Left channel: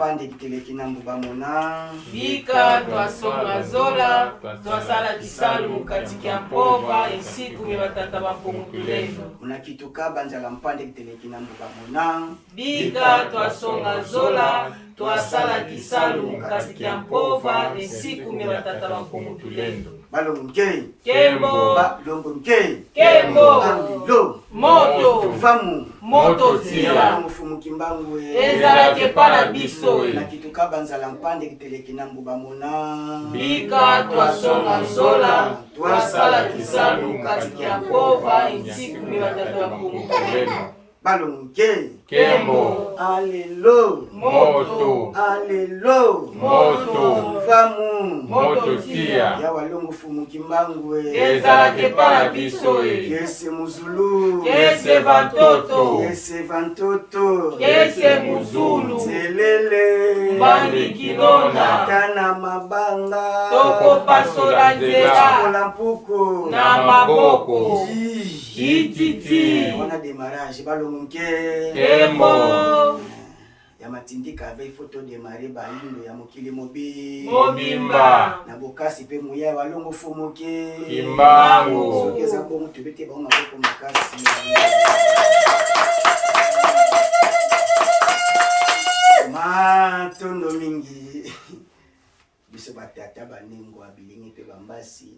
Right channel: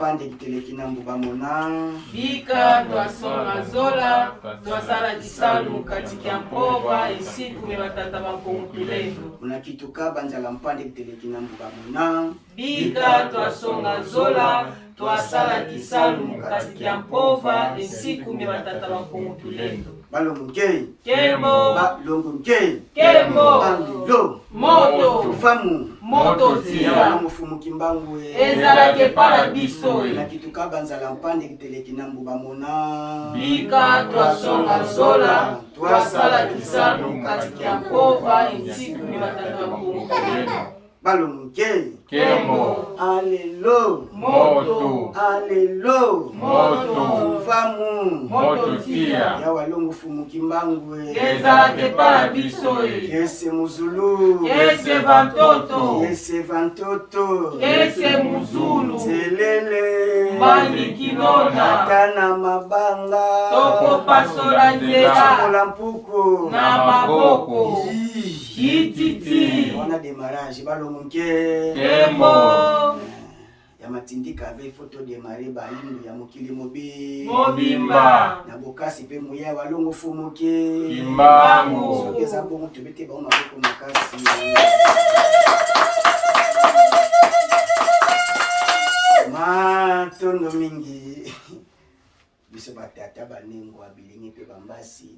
lampande kiteleki na mbuba mona bika twasonga zola twasala kisalu katika mpova isiku bebatata bakunkulendo unakituka banza lampande kiteleki na mbuba mona bika twasonga zola twasala kisalu katika mpova isiku bebatata bakunkulendo balonge kembo balonge kembo andilo moto famu moto ya tia mufumu kimbangu ezalaki pana biso nakituka banza lampande kiteleki na mbuba mona bika twasonga zola twasala kisalu katika mpova isiku bebatata bakunkulendo balonge kembo alelo moto alelo moto famu moto tia ya walongo fumu kimbangu ezalaki pana biso yese muzulu kese vantoto yese vantoto kese muzulu zelele mani kinona atana mabanga tokopasola nzela kola mpuku na maboko Yi. ititi wana demarrage balonge kembo ya matindika ave foto demare bayindo ya mokili mobimba na bokasi pe muya walongo fumuke kimbangu soki eza bongo tobete bango maboko makasi matondo mingi biso batata banengo abilingi pe bambasi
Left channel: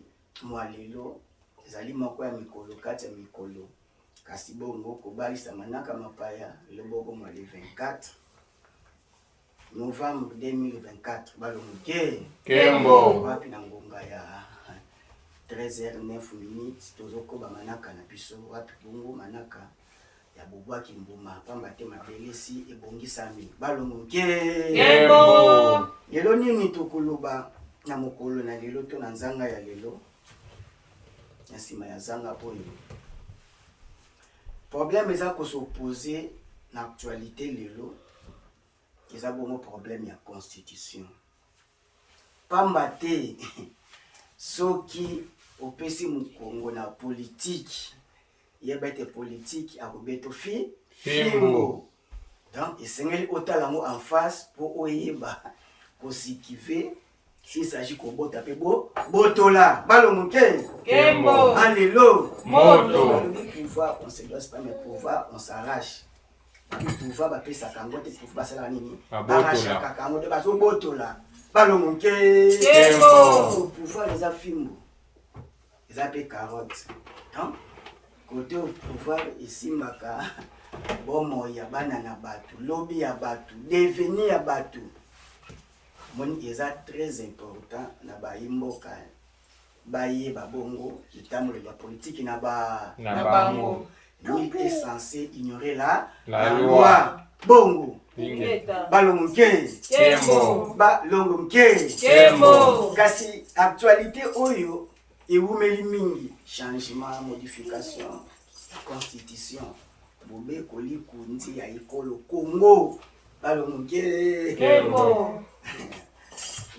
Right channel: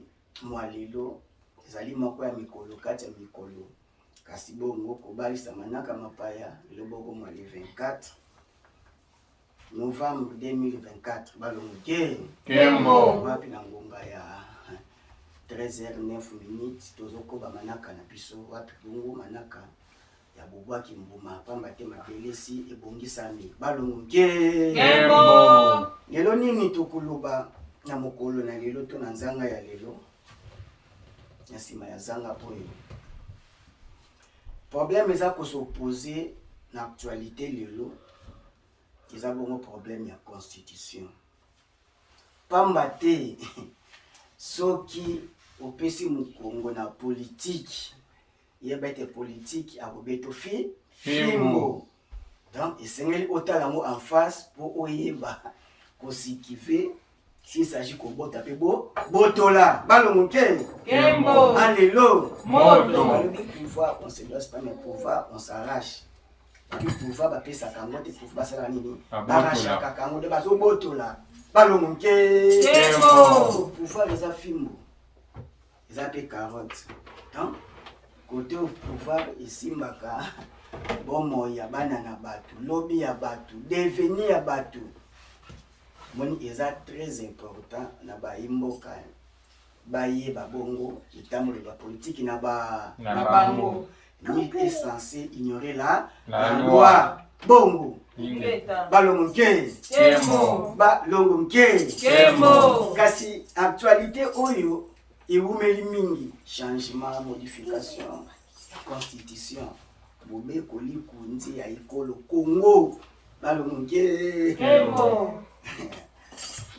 mwa lelo ezali moko ya mikolo kati ya mikolo kasi bongo kobalisa manaka mapaya lelo boko mwa le 24 novembre 2024 balonge kembo wapi na ngonga ya 13h09 tozokoba manaka na biso wapi bongo manaka ya bobwaki mbuma pamba te mabelesi ebongisami balonge kembo lelo nini tokoloba na mokolo na lelo to na nzanga ya lelo na nsima ya zanga oyo problème eza kosopoze na actualité lelo eza bongo problème ya constitution pamba te soki opesi mokongo na politique yeba ete politique akobeto fimbo donc esengeli otala yango en face po oyeba kosikive s'il s'agit kobota pe botola balongoke kembo alelo moto pouvoir on se doit pas mais pouvoir on s'arrache pouvoir bapesaka yango te pouvoir basalaka nini barachaka yango nde bazobotola balongoke kembo pouvoir eza fimbo eza pe carotte donc côté pouvoir esimbaka bomoi ya bana na bato lobi ya bato deveni ya bato moni eza très important na bayimboka bayeba bongo litambo ya politique na bango lui est censé ignorer la loi bongo balongoke kembo balongoke kembo kasi actualité oyo ewumeli mingi changement modification constitution bobekoli kunzi ya ekolo Congo balongoke kembo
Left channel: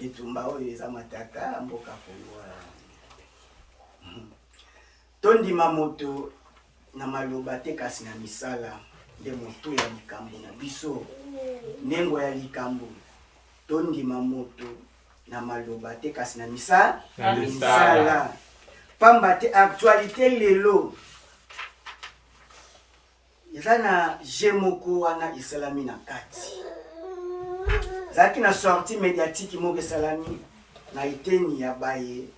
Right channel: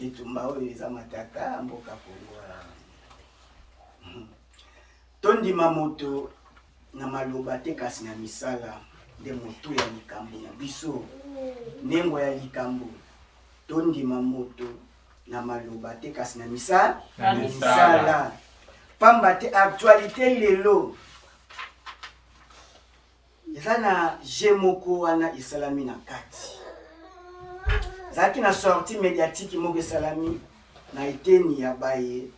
etumba oyo eza matata mboka Congo tondima moto na maloba te kasi na misala nde moto ya likambo na biso nengo ya likambo tondima moto na maloba te kasi na misala pamba te actualité lelo eza na jemoko wana esalami na kati zaki na sortie médiatique moko esalami na eteni ya baye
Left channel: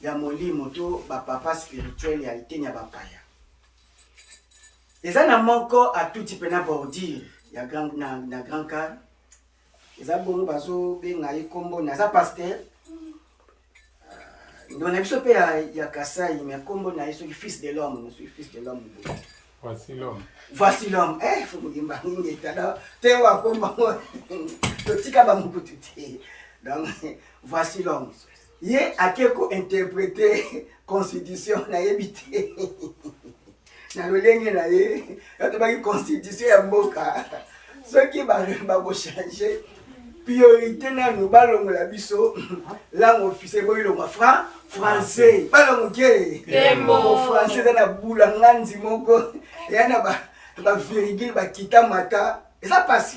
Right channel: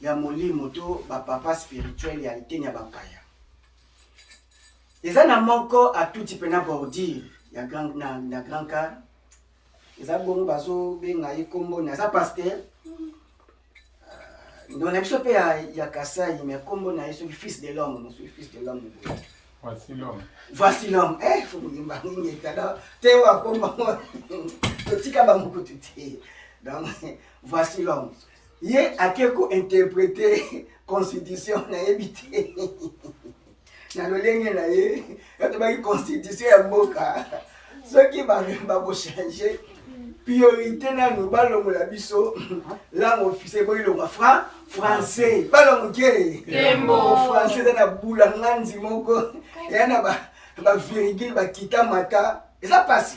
ya molimo to bapapa spirituel ya eteni ya bapaya eza na moko atuti pena bordure ya na grand car eza bongo bazobenga ye kombo na eza pasteur ndona biso pe ya Kasai mais kombo na ye soki fils de l'homme na soki fils de l'homme voici l'homme voici l'homme faut ngimba ngi tada te wa kombo totika ba mukutu te donc voici l'homme ye akeko interpréter constitution na yebite na lolenge na ye to ba constitution ya mboka soki ba ko changer priorité na nous balongola biso langue officielle boyilonga français balongoke Kembo français na bula nganzi moko yana ba virgule ba kita mata Et ça passe.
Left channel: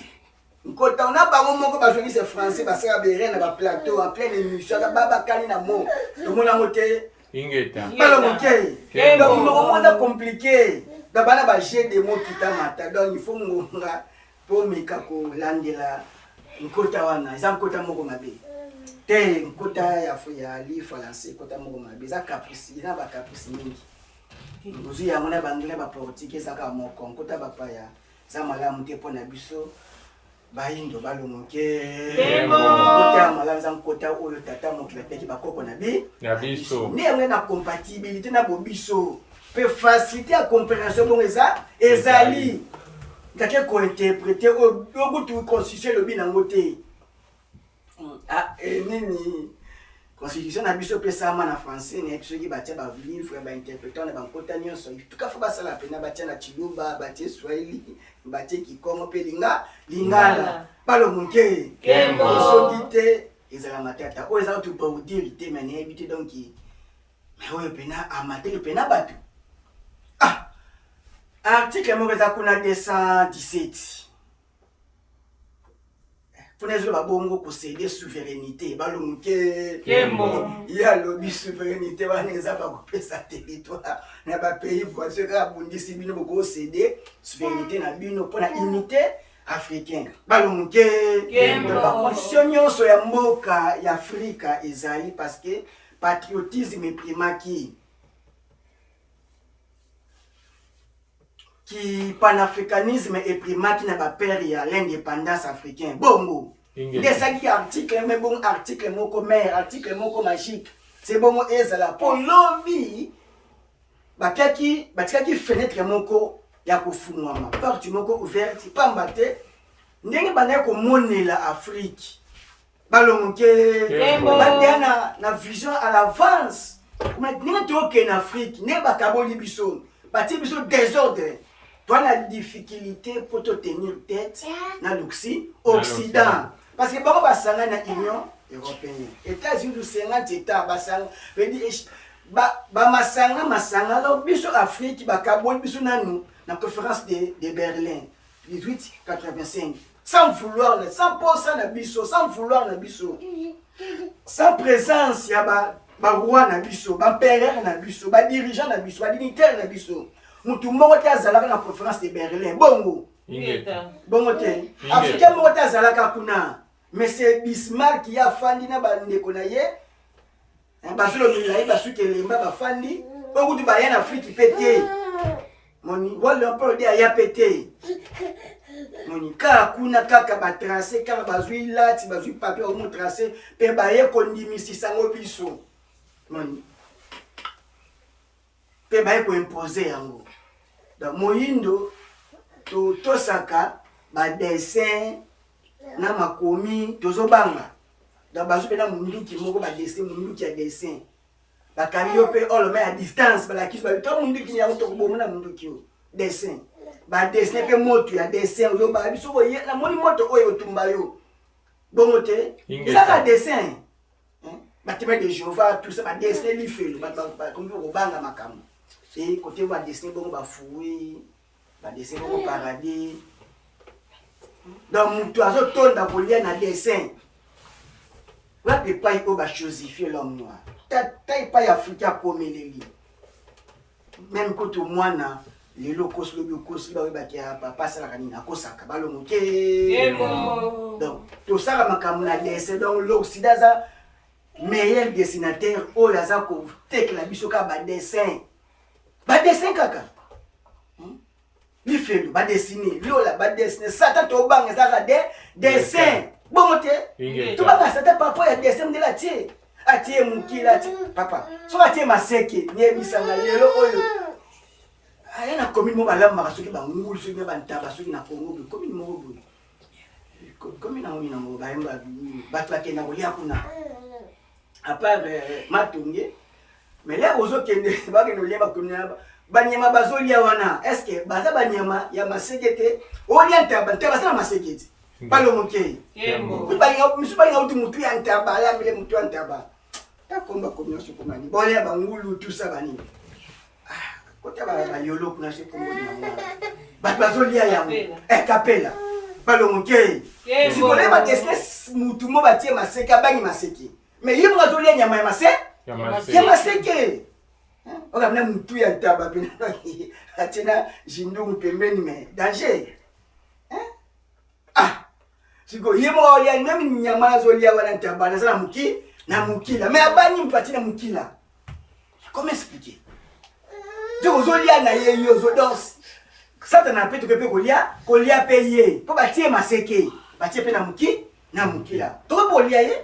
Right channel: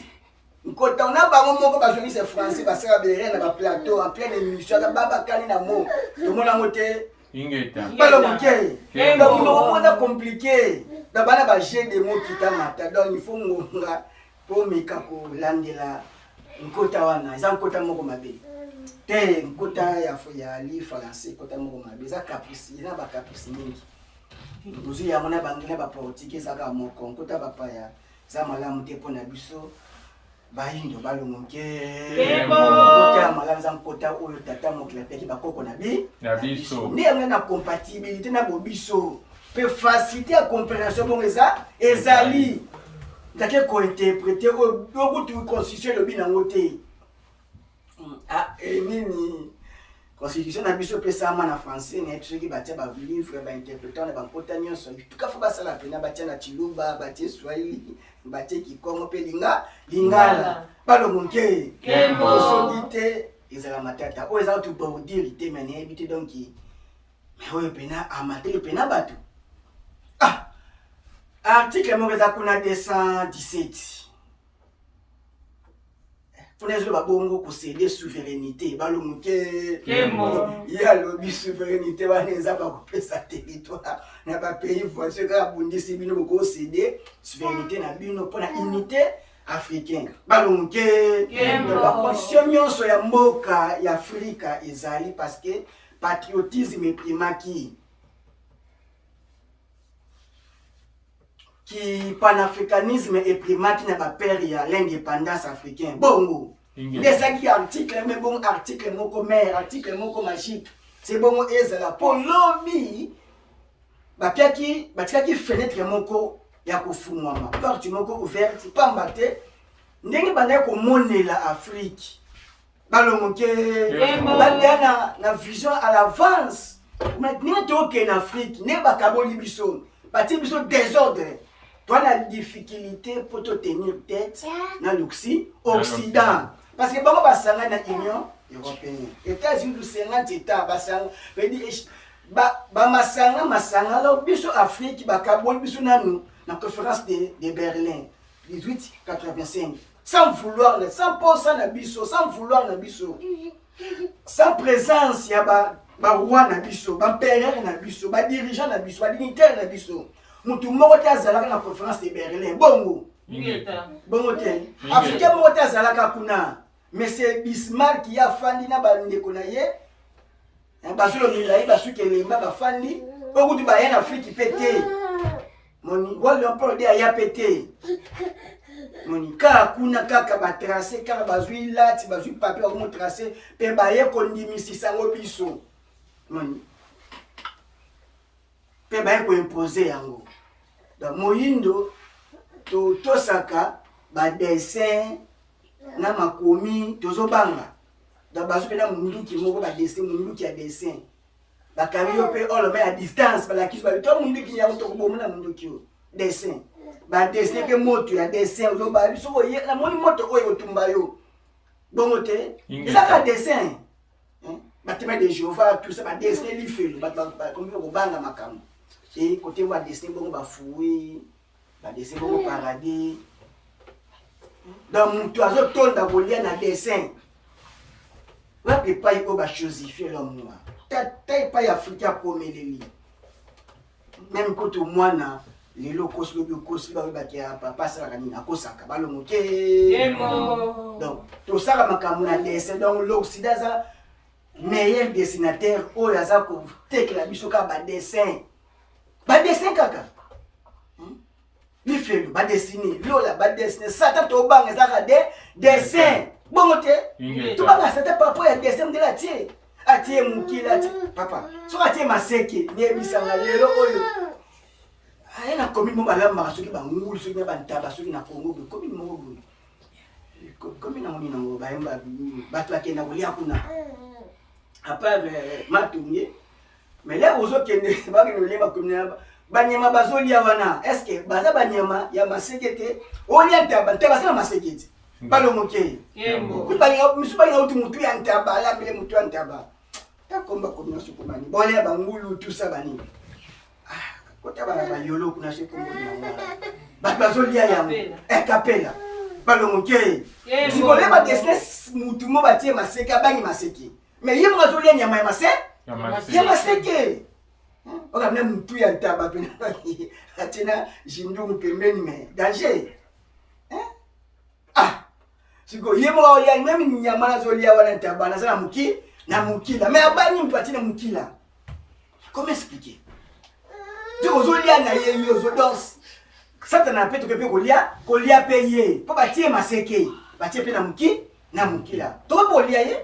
Quand on a pas mon pas journaliste français parce que bérer na plateau en pleine émission da baba kani na mo. Tout le monde a moté. Ingeta. Pas le moké. Donc nous on compliqué. Da bana ba j'ai des mots qui t'amata. Donc il faut ngonga pour mikako landela nkota wana. Za nkota moko mabe. Te nkota ya li français kota moko mabe. Za caprice, na ba caprice mingi. Nous y a on a bangina ba portugais ça ka moko nkota papa ya. Za malamu te pona biso. Bayindo balongoke kota malamu za nkota oyo tata mokila peki bakoko na biso ne na compatibilité na bobiso pe facilité à compréhension bon ezali ndake ko interpréter au butu constitution lobi na ngote nini constitution na biso pe sama na français ne tsoki batia ba livre ba interpréter na bankota nyonso tuka fa basala pena batia na chiluba batia swahili batie kikongo pe lingala palo munke osodite ezala matata o ezala tu pour dire te mane habité donc mais oyo pena amateur pena bato article mo za kuna 217 Funezo babongo posséder souveraineté balonguke ya lobi souveraineté waneza ba kopesa territoire na ba pays voisin ka bundisi bino boko céder souveraineté na bino pour la unité africaine balonguke ba constitution nyonso ya mboka ya Afrika ezali parce que patriotisme primaki qui panafricanisme et primaki na ba père ya l'indépendance africaine bongo les articles mais bon article moko mère article moko magique c'est bongo ezala pour lobby bakaki fenêtre moko ya kofungwama porte moko ouverte pambate ndenge banda ko monela Afrique balongoke banda na vision à l'avance ndenge toke na Afrique ne bakaboli biso bati biso désordre. Toi, la difficulté pour te tenir tête dans l'Occident. Parce que bon, on va dans l'Union européenne. États-Unis, du 50 États, masanga, là, biso Afrique, bakabol, biso nanou, dans la conférence de Berlin, 1885. Sans vouloir, 100% na biso, sans vouloir na biso. Sans présence, il y a roi na biso, empereur na biso, dirigeant na biso, dignitaire na biso. Mutu moko te azalaka na conférence de Berlin bongo bongo te africain moko te azalaka kuna monsieur Bismarck ya fandi na bandeko na ye bazolo milai basuki elemba bafandi okuti baya na Afrique pete moni wale empore de ya pete moni kaka kuna kaka batrace kaka bazwi lati bazwi papier omo tracer pe baye kondimisisa ngo biso moni pe baye ko imposer yango donc moyindo to saka ba dessin na makomi tozobanga da bazu pe na munduki moko ba dessin munduki ya dessin ba kamio pe all mais à distance ba la kiso ba to munduki ya to ko na munduki dessin ba dessin pe moto ya dessin ozo ba biso ye na moni moto oyo tumba yo bongo te eza ka dessin ba teme de Jéhovah tout ça ba dessin li fait ba comme ko banga makambo et côté ba dessin bongo ba foué ba dessin bongo paradis donc mutu azo tonda kolia na dessin wa pe pa iko ba chosifier l'homme noir ta pa ya Afrika komeleli même koto mwana lelo kosi ba ba kia papa sala kanina kosaka balongoke donc to sala makambo na dessin donc l'Occident za meilleur dessinateur oyo aza ko tekla biso ka ba dessin kaka li felu ba dessiner lola ba dessiner sata to banga zaka de dessin bongo te to banga sata papa ya dessin de la tie atie mukila papa so atie maseke nyebisanga lelo oyo aya na commune mo balamba soki ba ngulu soki na bantaba soki na Congo commune mo bo commune na ngini na mo ba yamba batwa kena kolia kuna à part matonge mais là ozo kende ba kende kolia ba commune banyama bazolia wana est-ce que baza banyama ya masegete olia ntaba na masegete balongoke ku banya misu banya uti mutu ya ntaba ya mbele mutu ya ntaba ta komba komyo sukumani bolia bangulu tout ça bani kota ba yolo kuna se kombo na bazolia ya kapela balongoke sikole ba desne mutu mo batie maseke abangi maseke mais ye mwa zolia nyama ya maseke oka na mutu ya ntaba pena atina jindungu pembeni mais danger siko ye mwa olia même nyama na zolia wana ntaba na sana mukila mais abangi mtu atina mukila comment expliquer donc zolia na ye yo zo danse Satan peut te kolia payer pour bâtir maseke bâtir pe na mukila to bolia ye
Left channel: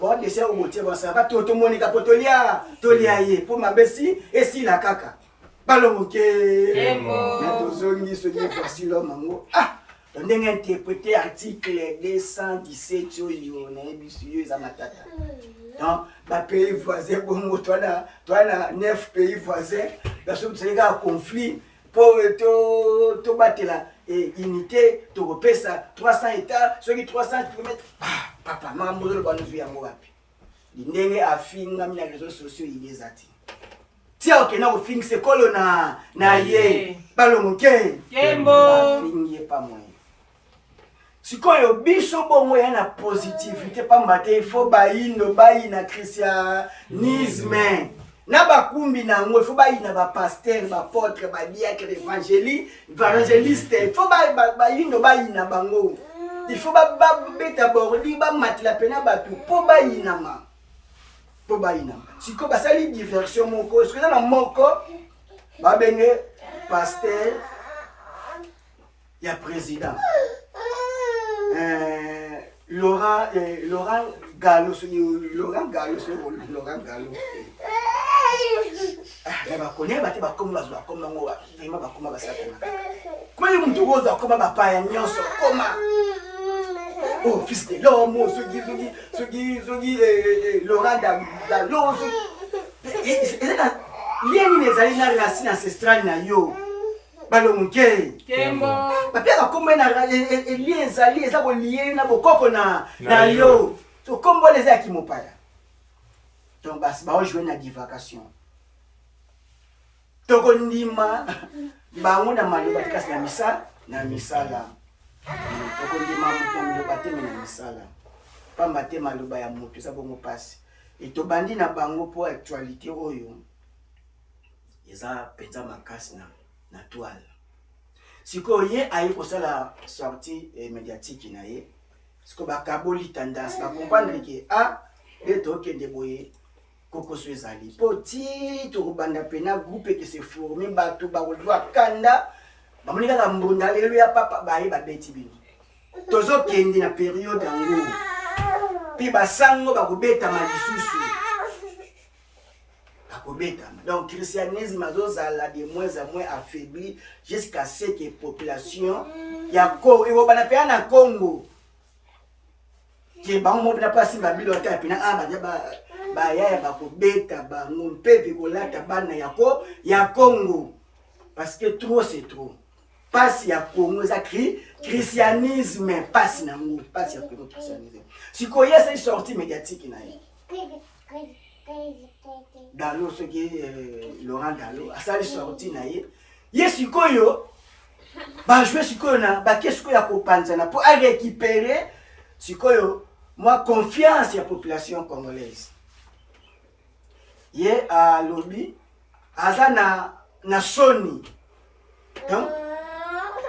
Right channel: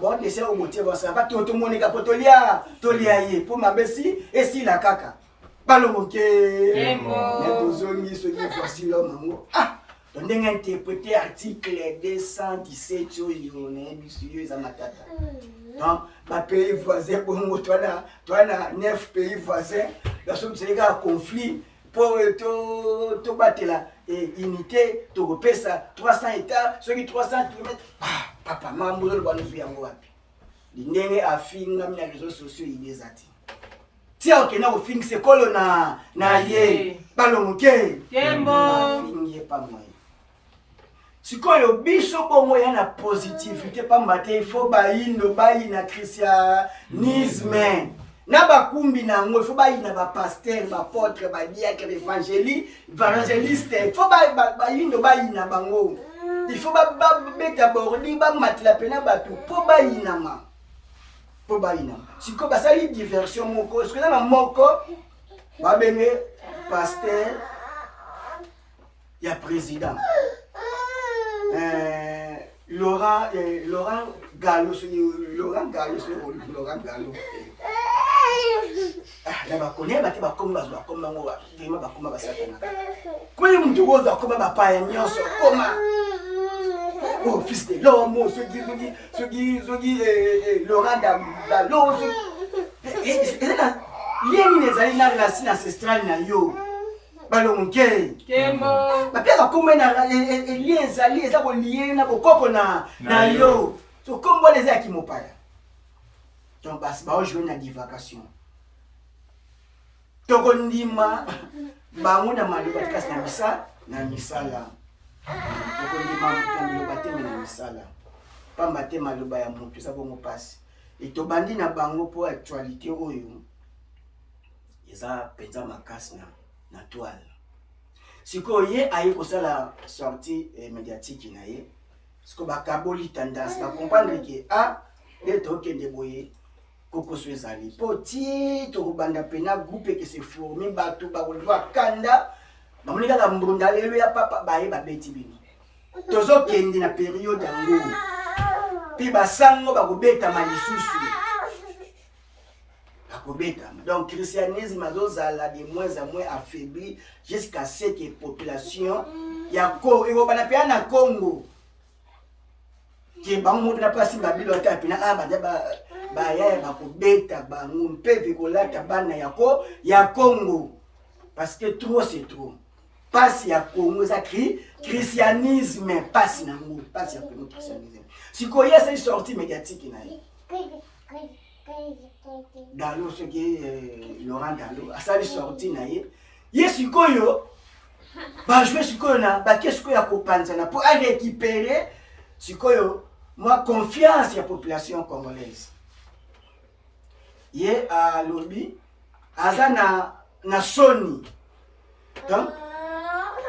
bon de ça au motier bon ça va tout monde ka potolia tolia ye pour mabesi et si la kaka balongoke mais tozongi so dit voici l'homme amour donc ndenge interpréter article 217 sur yone bisuyo za matata donc ba pays voisin bongo toi na 9 pays voisins la somme c'est un conflit pour to batela unité to repesa 300 hectares sur 300 km papa maman le bwana zu yango wapi ndenge afinga mina réseaux sociaux ibezati tia okena ko fixe kolo na ye balongoke Kembo fingi pa moye sikoyo biso bongo ya na positivité pa mbate faut bayindo bayina christianisme na bakumbi nango faut bayina ba pasteur ba apôtre ba diacre évangéliste faut bayindo bayina bango il faut ba beta bordi ba matla pena batu po bayina siko basali diversion moko ce que na moko ba benge pasteur ya président Laurent Gallo c'est Laurent Gallo la bakonya bate bakoma bazwa koma ngo vraiment bakoma basatana ko yi mtu woza koma bapa ya nyonso koma oh fils de l'homme sogi Laurent Gallo lieni nezali na racine ancestrale na yo balongoke Kembo bapia bakoma na lien ezali eza ko lien na bokoko na yo so kombo les aki mopaya donc basi ba jouer na divagation toko ndima bango na maloba kasi na misala toko ndima mutu maloba te na misala pamba te maloba ya mutu sa bongo pasi et to bandi na bango pour actualité oyo eza penza makasi na toile siko ye ayi kosala sortie médiatique na ye siko bakaboli tendance ba comprendre que leto kende boye koko so ezali poti to banda pena groupe que se formé bato ba kolwa kanda ba monika ka mbunda lelo ya papa bayi ba beti bini tozo kende na période yango pi basango ba kobeta malisusu donc christianisme azozala de moins en moins affaibli jusqu'à ce que population ya ko ebo bana pe na Congo ke bango na pasi babilo ta pina badia ba ya ba kobeta bango mpe kolata bana ya Congo parce que trop c'est trop pasi ya Congo za christianisme pasi na ngo pasi ya Congo christianisme sikoya c'est sortie médiatique na ye Gallo ce qui Laurent Gallo a sali sorti na ye sikoyo ba jouer sikoyo na ba kesko ya kopanzana pour récupérer sikoyo moi confiance ya population congolaise ye a lobby azana na soni donc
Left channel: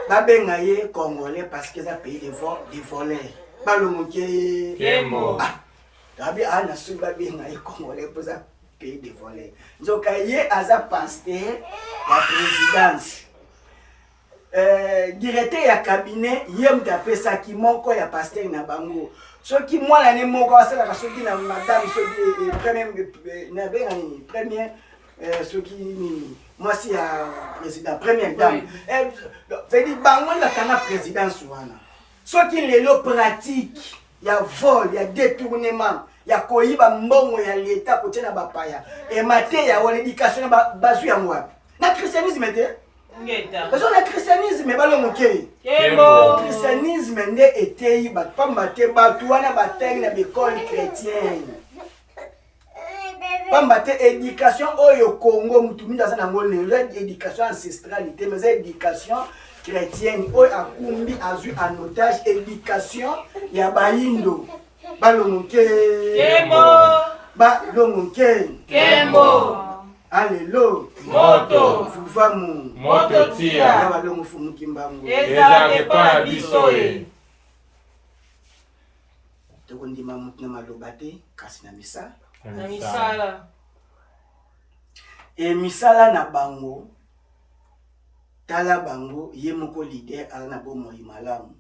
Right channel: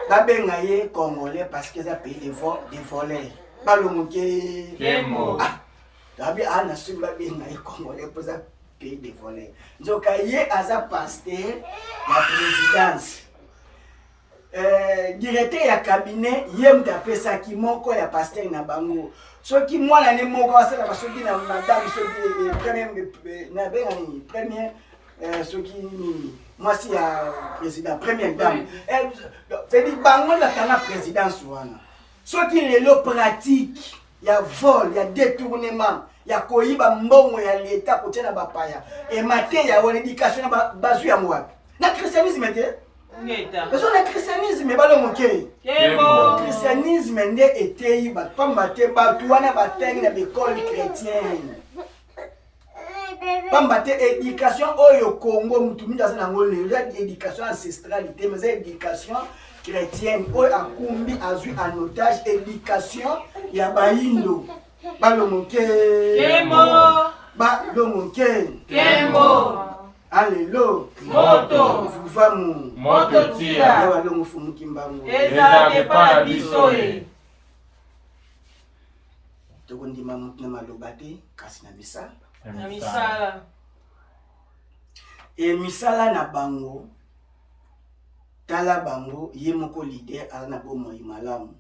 ba benga ye congolais parce que ça pays de voleurs balongoke Kembo Tabi ana suba benga ye congolais pour ça pays de voleurs nzoka ye aza pasteur ya présidence directeur ya cabinet ye mtapesa ki moko ya pasteur na bango soki mwana ne moko asala soki na madame soki premier soki ni mwasi ya président première dame c'est dit bango la kana présidence wana soki lelo pratique ya vol ya détournement ya koyiba mbongo ya l'état kotia na bapaya et maté ya wana éducation na bazu ya mwa na christianisme te ngeta parce que le christianisme balongoke Kembo christianisme nde etei pamba te batu wana batengi na école chrétienne pamba te éducation oyo Congo mutu mingi aza nango lelo éducation ancestrale te mais éducation chrétienne oyo akumbi azwi en otage éducation ya bayindo balongoke Kembo. balongoke Kembo. alelo Moto. vuvamu Moto tia. ya balongo fumuki mbangu Eza kepa biso e. tokondima mutu na maloba te kasi na misala Na misala. e misala na bango tala bango ye moko leader aza na bomoi malamu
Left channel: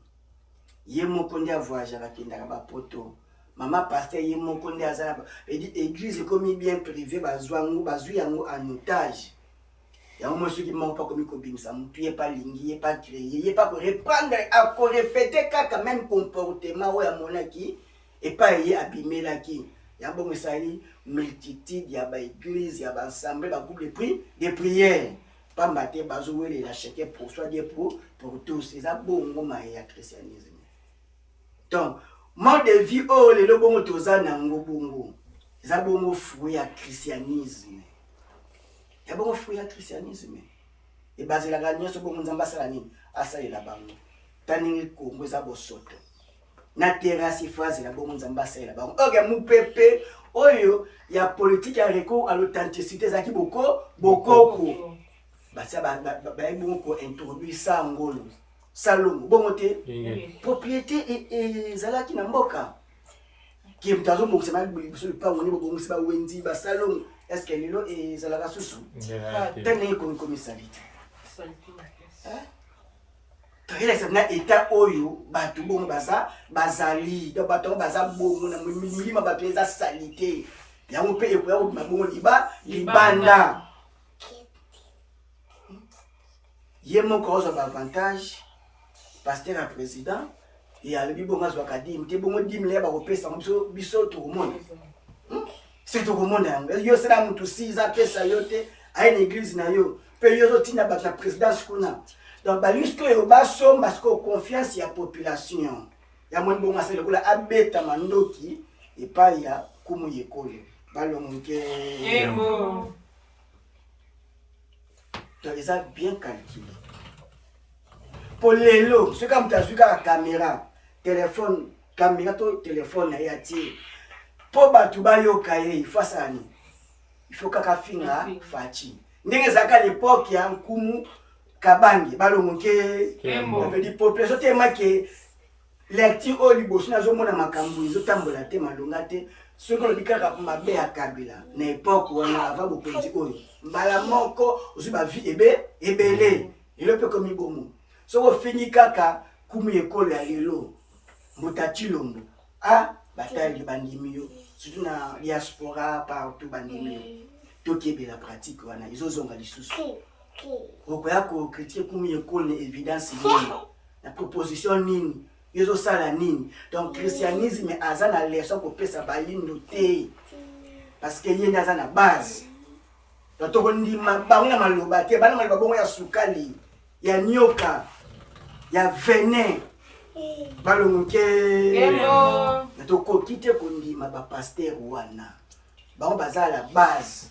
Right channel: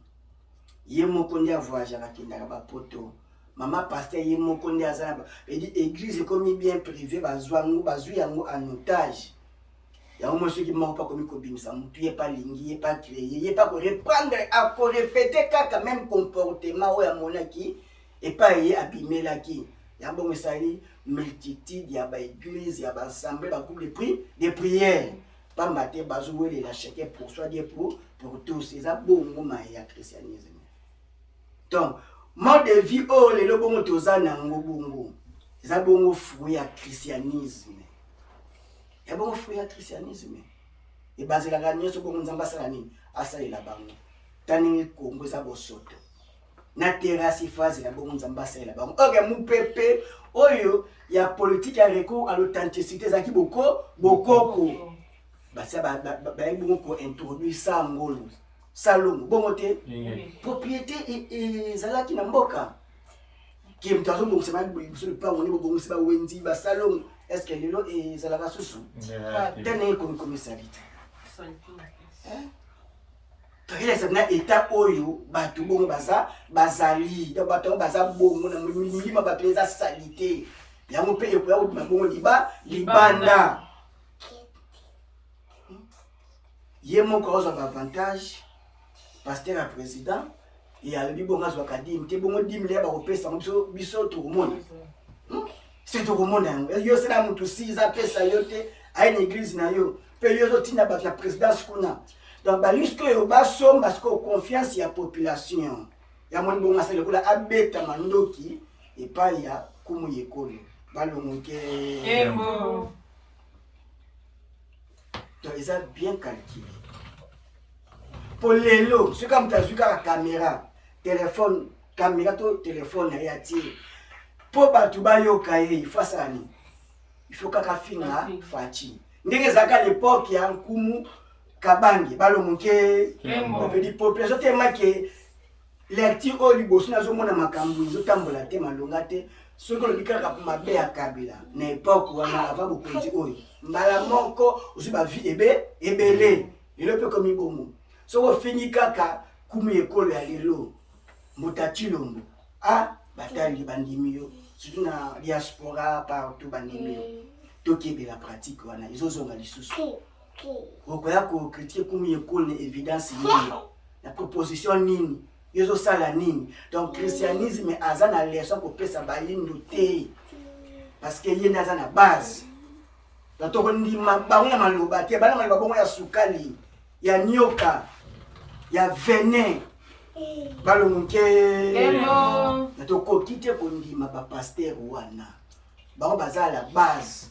ye moko nde avoyageaka akendaka bapoto mama paster ye moko nde aza na edi église ekomi bien privé bazwi yango en otage yango moi soki moko mpa komi kobimisa mutu ye pa lingi ye pa créer ye pa koreprendre akorepete kaka même comportement oyo amonaki epai ye abimelaki yango bongo esali multitude ya baéglise ya baassemblée bagroupe de prière pamba te bazowelela chacun pour soi Dieu pour tous eza bongo maye ya christianisme donc mode de vie oyo lelo bongo toza nango bongo eza bongo fruit ya christianisme ya bongo fruit ya christianisme ebazelaka nyonso bongo nzambe asala nini asalela bango taningi kongo eza bosoto na terasi phrase la bongo nzambe asalela bango oke mupepe oyo ya politique ya recours à l'authenticité ezalaki bokoko basa baye bongo kointroduire sangolo salongo bongo te propriété ezalaki na mboka ki mutu azobongisa biso lupango nde bobongisi bawenzi basalongo estce lelo ezalaka susu te ndenge komisali te toyelesa na état oyo bato bongo bazali donc bato yango baza bongo na milima bato eza sali te yango mpe ekoya kobima bongo libanda ye moko azwa baavantage paster ya président e alobi bongo azwaka dime te bongo dime leya bakopesa biso tokomona se tokomona yango yo sena mutu si eza pesa yo te aye na église na yo mpe yo ozotinda bato na présidence kuna donc baliske oyo basomba sikoyo confiance ya population ya moni bongo asali lokola abeta mandoki epai ya kumu yekolo balongoke Kembo. donc eza bien calculé po lelo soki mutu azwi kaka caméra téléphone caméra to téléphone na ye atie po bato bayoka ye ifo asala nini ifo kaka finga faci ndenge ezalaka l'époque ya nkumu kabange balongoke di population tellement ke lecture oyo liboso nazomona makambo ezotambola te malonga te soki olobi kaka mabe ya kabila na époque wana avant bopenzi oyo mbala moko ozwi bavie ebele lelo mpe komi bomo soki ofingi kaka kumu ekolo ya lelo mbuta chilombo batali bandimi yo surtout na diaspora partout bandimi yo tokebela pratique wana ezozonga lisusu okoya kocritique kumu ekolo na évidence nini na proposition nini yo ezosala nini donc christianisme aza na leson kopesa bayindo te parce que ye nde aza na base donc tokondima bango na maloba te bana maloba bongo ya sukali ya nyoka ya venin balongoke na tokoki te kondima bapaster wana bango baza la base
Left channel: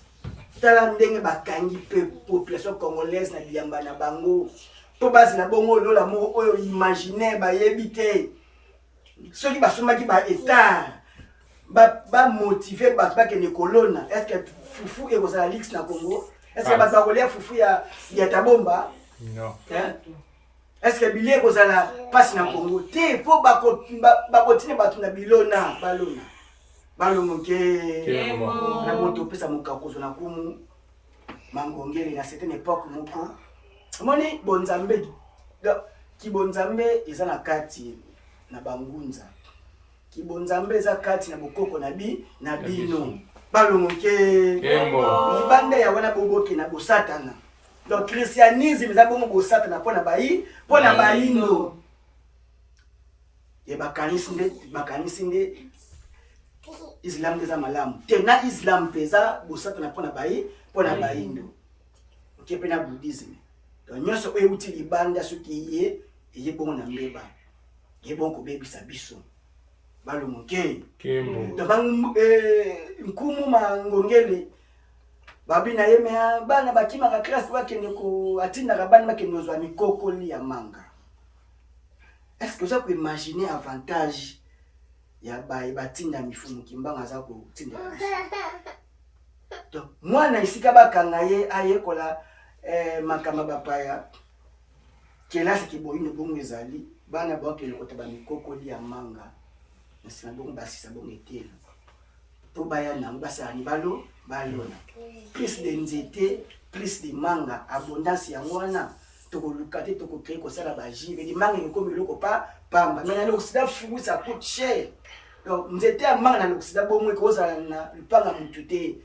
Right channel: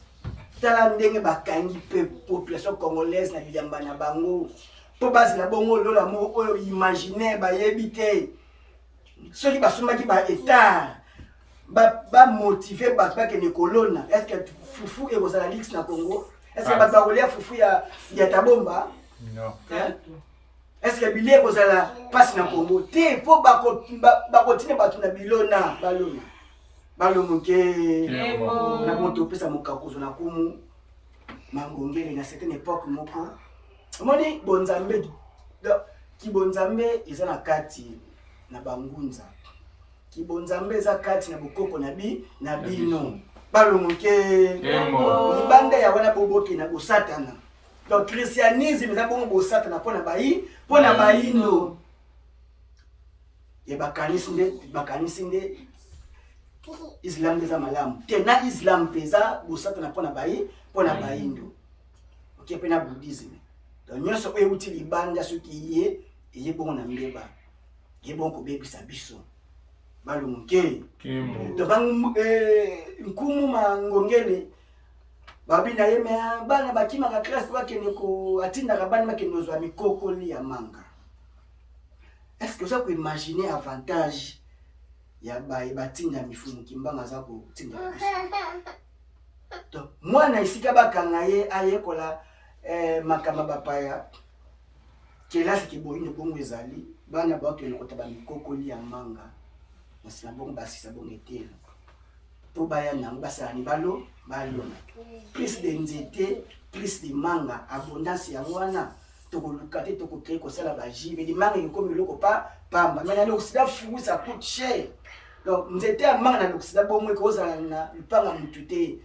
tala ndenge bakangi mpe population congolaise na biyamba na bango mpo basi na bongo lola moko oyo imaginaire bayebi te soki basombaki baétat bamotive bato bakende kolona est ce que fufu ekozala lix na Congo est ce que bato bakolia fufu ya tabomba est ce que bili ekozala mpasi na Congo te mpo bakotina bato na bilona balona balongoke na moto opesa mokakozo na kumu mangongele na certaine époque moko omoni bonzambe kibonzambe eza na kati na bangunza kibonzambe eza kati na bokoko na bino balongoke libanda ya wana boboke na bosatana donc christianisme eza bongo bosatana mpona bayindo ye bakanisi nde islam eza malamu te na islam mpe eza bosatana mpona bayindo oke mpe na bouddhisme donc nyonso oyo euti libanda soki eye bongo na mbeba ye bongo kobebisa biso balongoke donc nkumu mangongele babi na ye me bana bakima ka classe bakene ko atinda ka bana bakene ozwa mikokoli ya manga. Est-ce que vous pouvez imaginer avantage ya batinda mifumu kimbanga za ko tinda donc mwana isika bakanga ye ayekola makamba bapaya kelasi kiboyine bongo ezali bana bakele kota ba mikokoli ya manga na sina bongo basisa bongo etela po baya na basala ni balona plus de nzete plus de manga abondance ya mwana toko lukate toko créer ko sala ba jibe di manga ni comme loko pa pamba mais na l'Occident fou ça coûte cher donc nzete ya manga na l'Occident bongo ko za na lupanga mutute et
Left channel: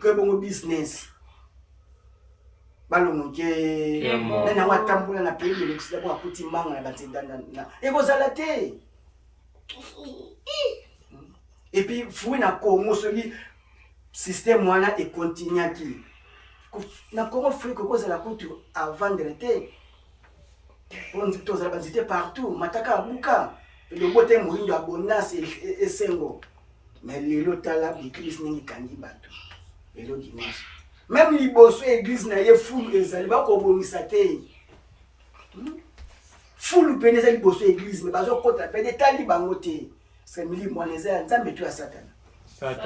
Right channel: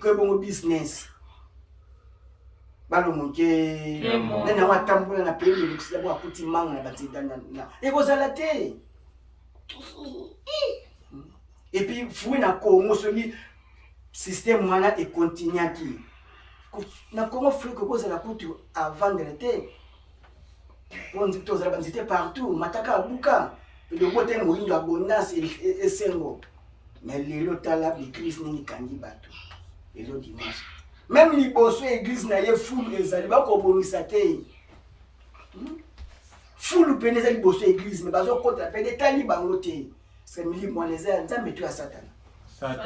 que bongo business balongoke nana matambola na pays de l'Occident bo akuti manga na batidana na ekozala te. Et puis fou na Congo soli système wana et continue qui na Congo fou ko kozala kutu à vendre te on dit tous la bandité partout mataka abuka le bote moyindo abondance et sengo mais lelo tala l'église ni kangi bato lelo dimanche même liboso église na ye fulu ezali ba ko bongisa te fulu peneza liboso église mais bazo kota pene tali bango te c'est mili mwaneze nzambe tu ya satana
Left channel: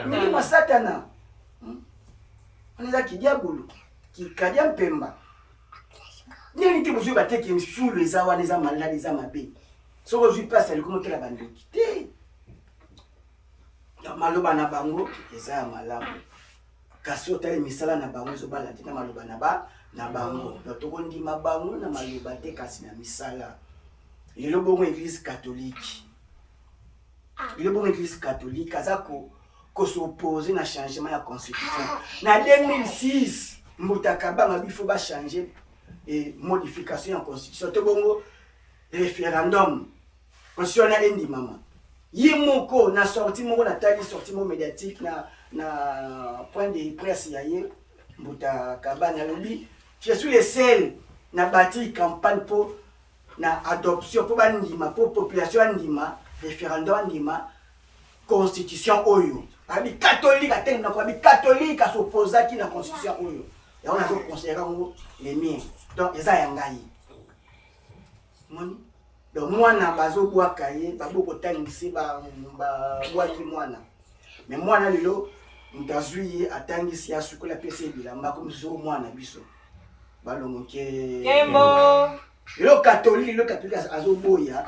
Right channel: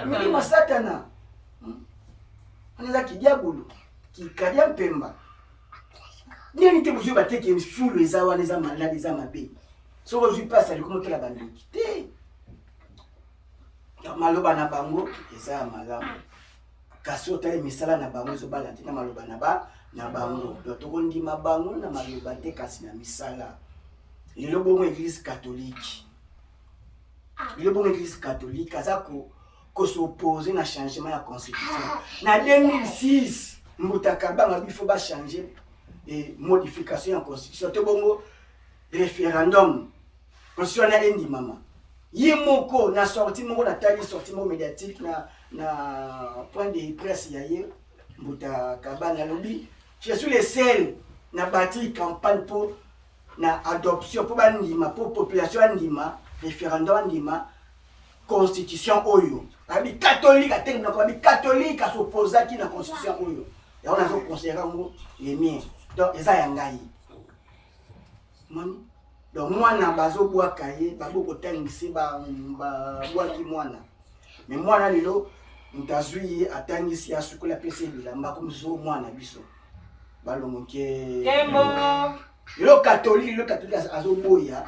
mili ma satana oneza ki diabolo ki kadia mpemba nini te bozo bateke fulu eza wana eza malade eza mabe soko zui passe ali komo tela bandoki te maloba na bango eza ya malamu kasi otali misala na bango ezobala te na maloba na bango donc tokondima bango na maloba te kasi na misala lelo bongo église catholique aza ko s'opposer na changement ya constitution na 2006 mutakabanga bifo ba changer et modification en constitution te bongo référendum constitution na endi mama yemoko na sorti moko na tali sorti mo médiatique na point de presse ya ye mutakabanga lobi je suis le seul na bâti campagne pour na adoption pour bandima pour population andima référendum andima constitution oyo abi catholique ateng na ko abi catholique s'opposa ki na constitution oyo ya on a zo considérer ngo les miens donc eza ya ngai moni donc mwana bazo bwa kaye babo ko tangisi ba bwaki mwana mais mwana lelo mtazui atangisi ya sukola pese bilamba comme zo mwana biso balongoke Kembo le catholique azo boya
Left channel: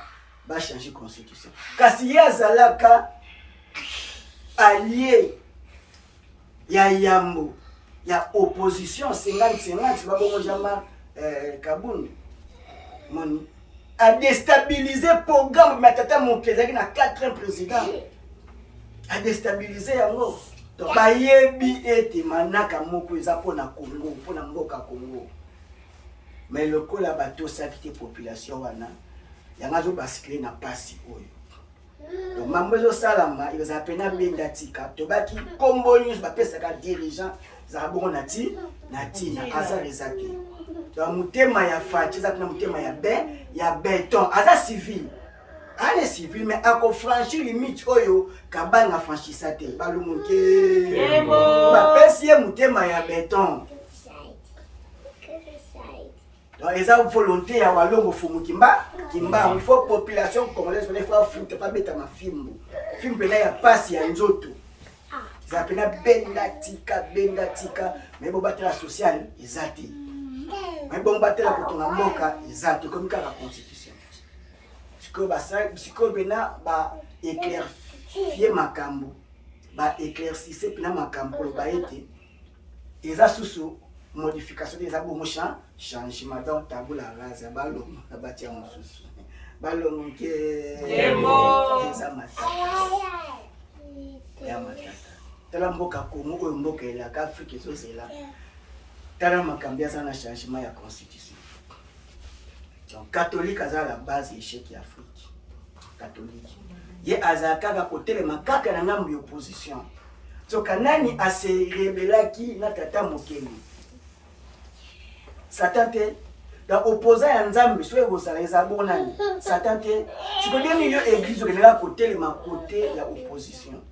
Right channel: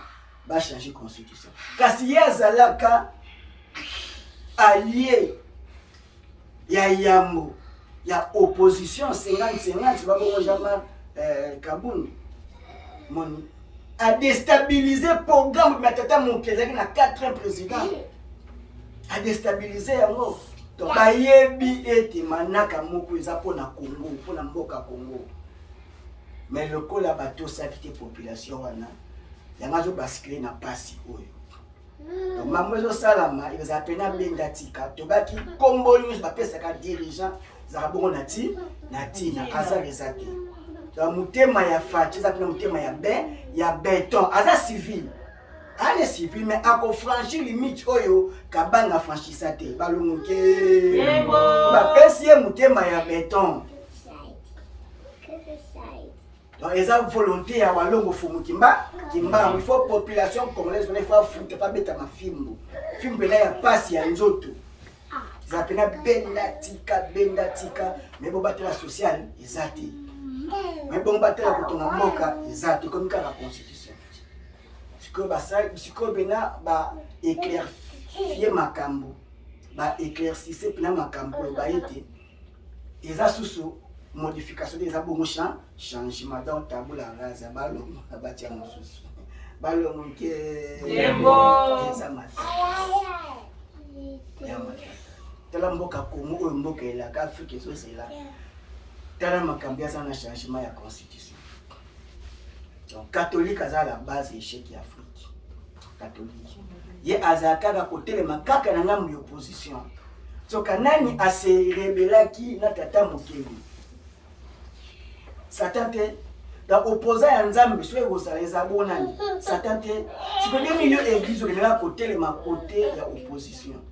ba changer constitution kasi ye azalaka allié ya yambo ya opposition 50-50 babo Jean-Marc Kabund moni a déstabiliser programme matata mon président na 4 président a déstabiliser yango donc bayebi ete manaka moko eza pona Congo pona mboka Congo mais le col a bateau s'acquitter population wana yamazo basculer na pasi oyo donc mamwezo salama ils appena bendatika tobaki kombo news ba pesa ka dirigeant za bongo nati na asa rezaki donc mutema ya fachi za na mutema ya béton asa civil ale civil mais ako franchir limite oyo kabana franchisa te balongoke ba pesi mutema ya béton. Donc, ils ont volonté à walongo fumu kimba, il faut population congolaise il faut foutre pas beta ma film pena ya passe ya nzoto. Ils appellent bendatika mais bon battre la sociale ezati. Mais bon battre la kotonga mboka ezati comme ka la constitution. Siko bena ba éclaircier makambo, ba éclaircir pena makambo ba ete eza susu modification des abonnements changement dans tabula rasa balom abatia mususu balom ke eza matata ya matata tala mboka Congo oyo mboka ela ka Afrique ezozela tala makambi ya na changement ya constitution donc catholique aza la base échec ya Afrique catholique ye azaka ka kotelema kaka na ngambo opposition so kanani ase rebelaki na tata mokeli Satan te da opposant ya nzambe so ezala eza bonani Satan te siko bien milieu église okelela côté le ma côté ya opposition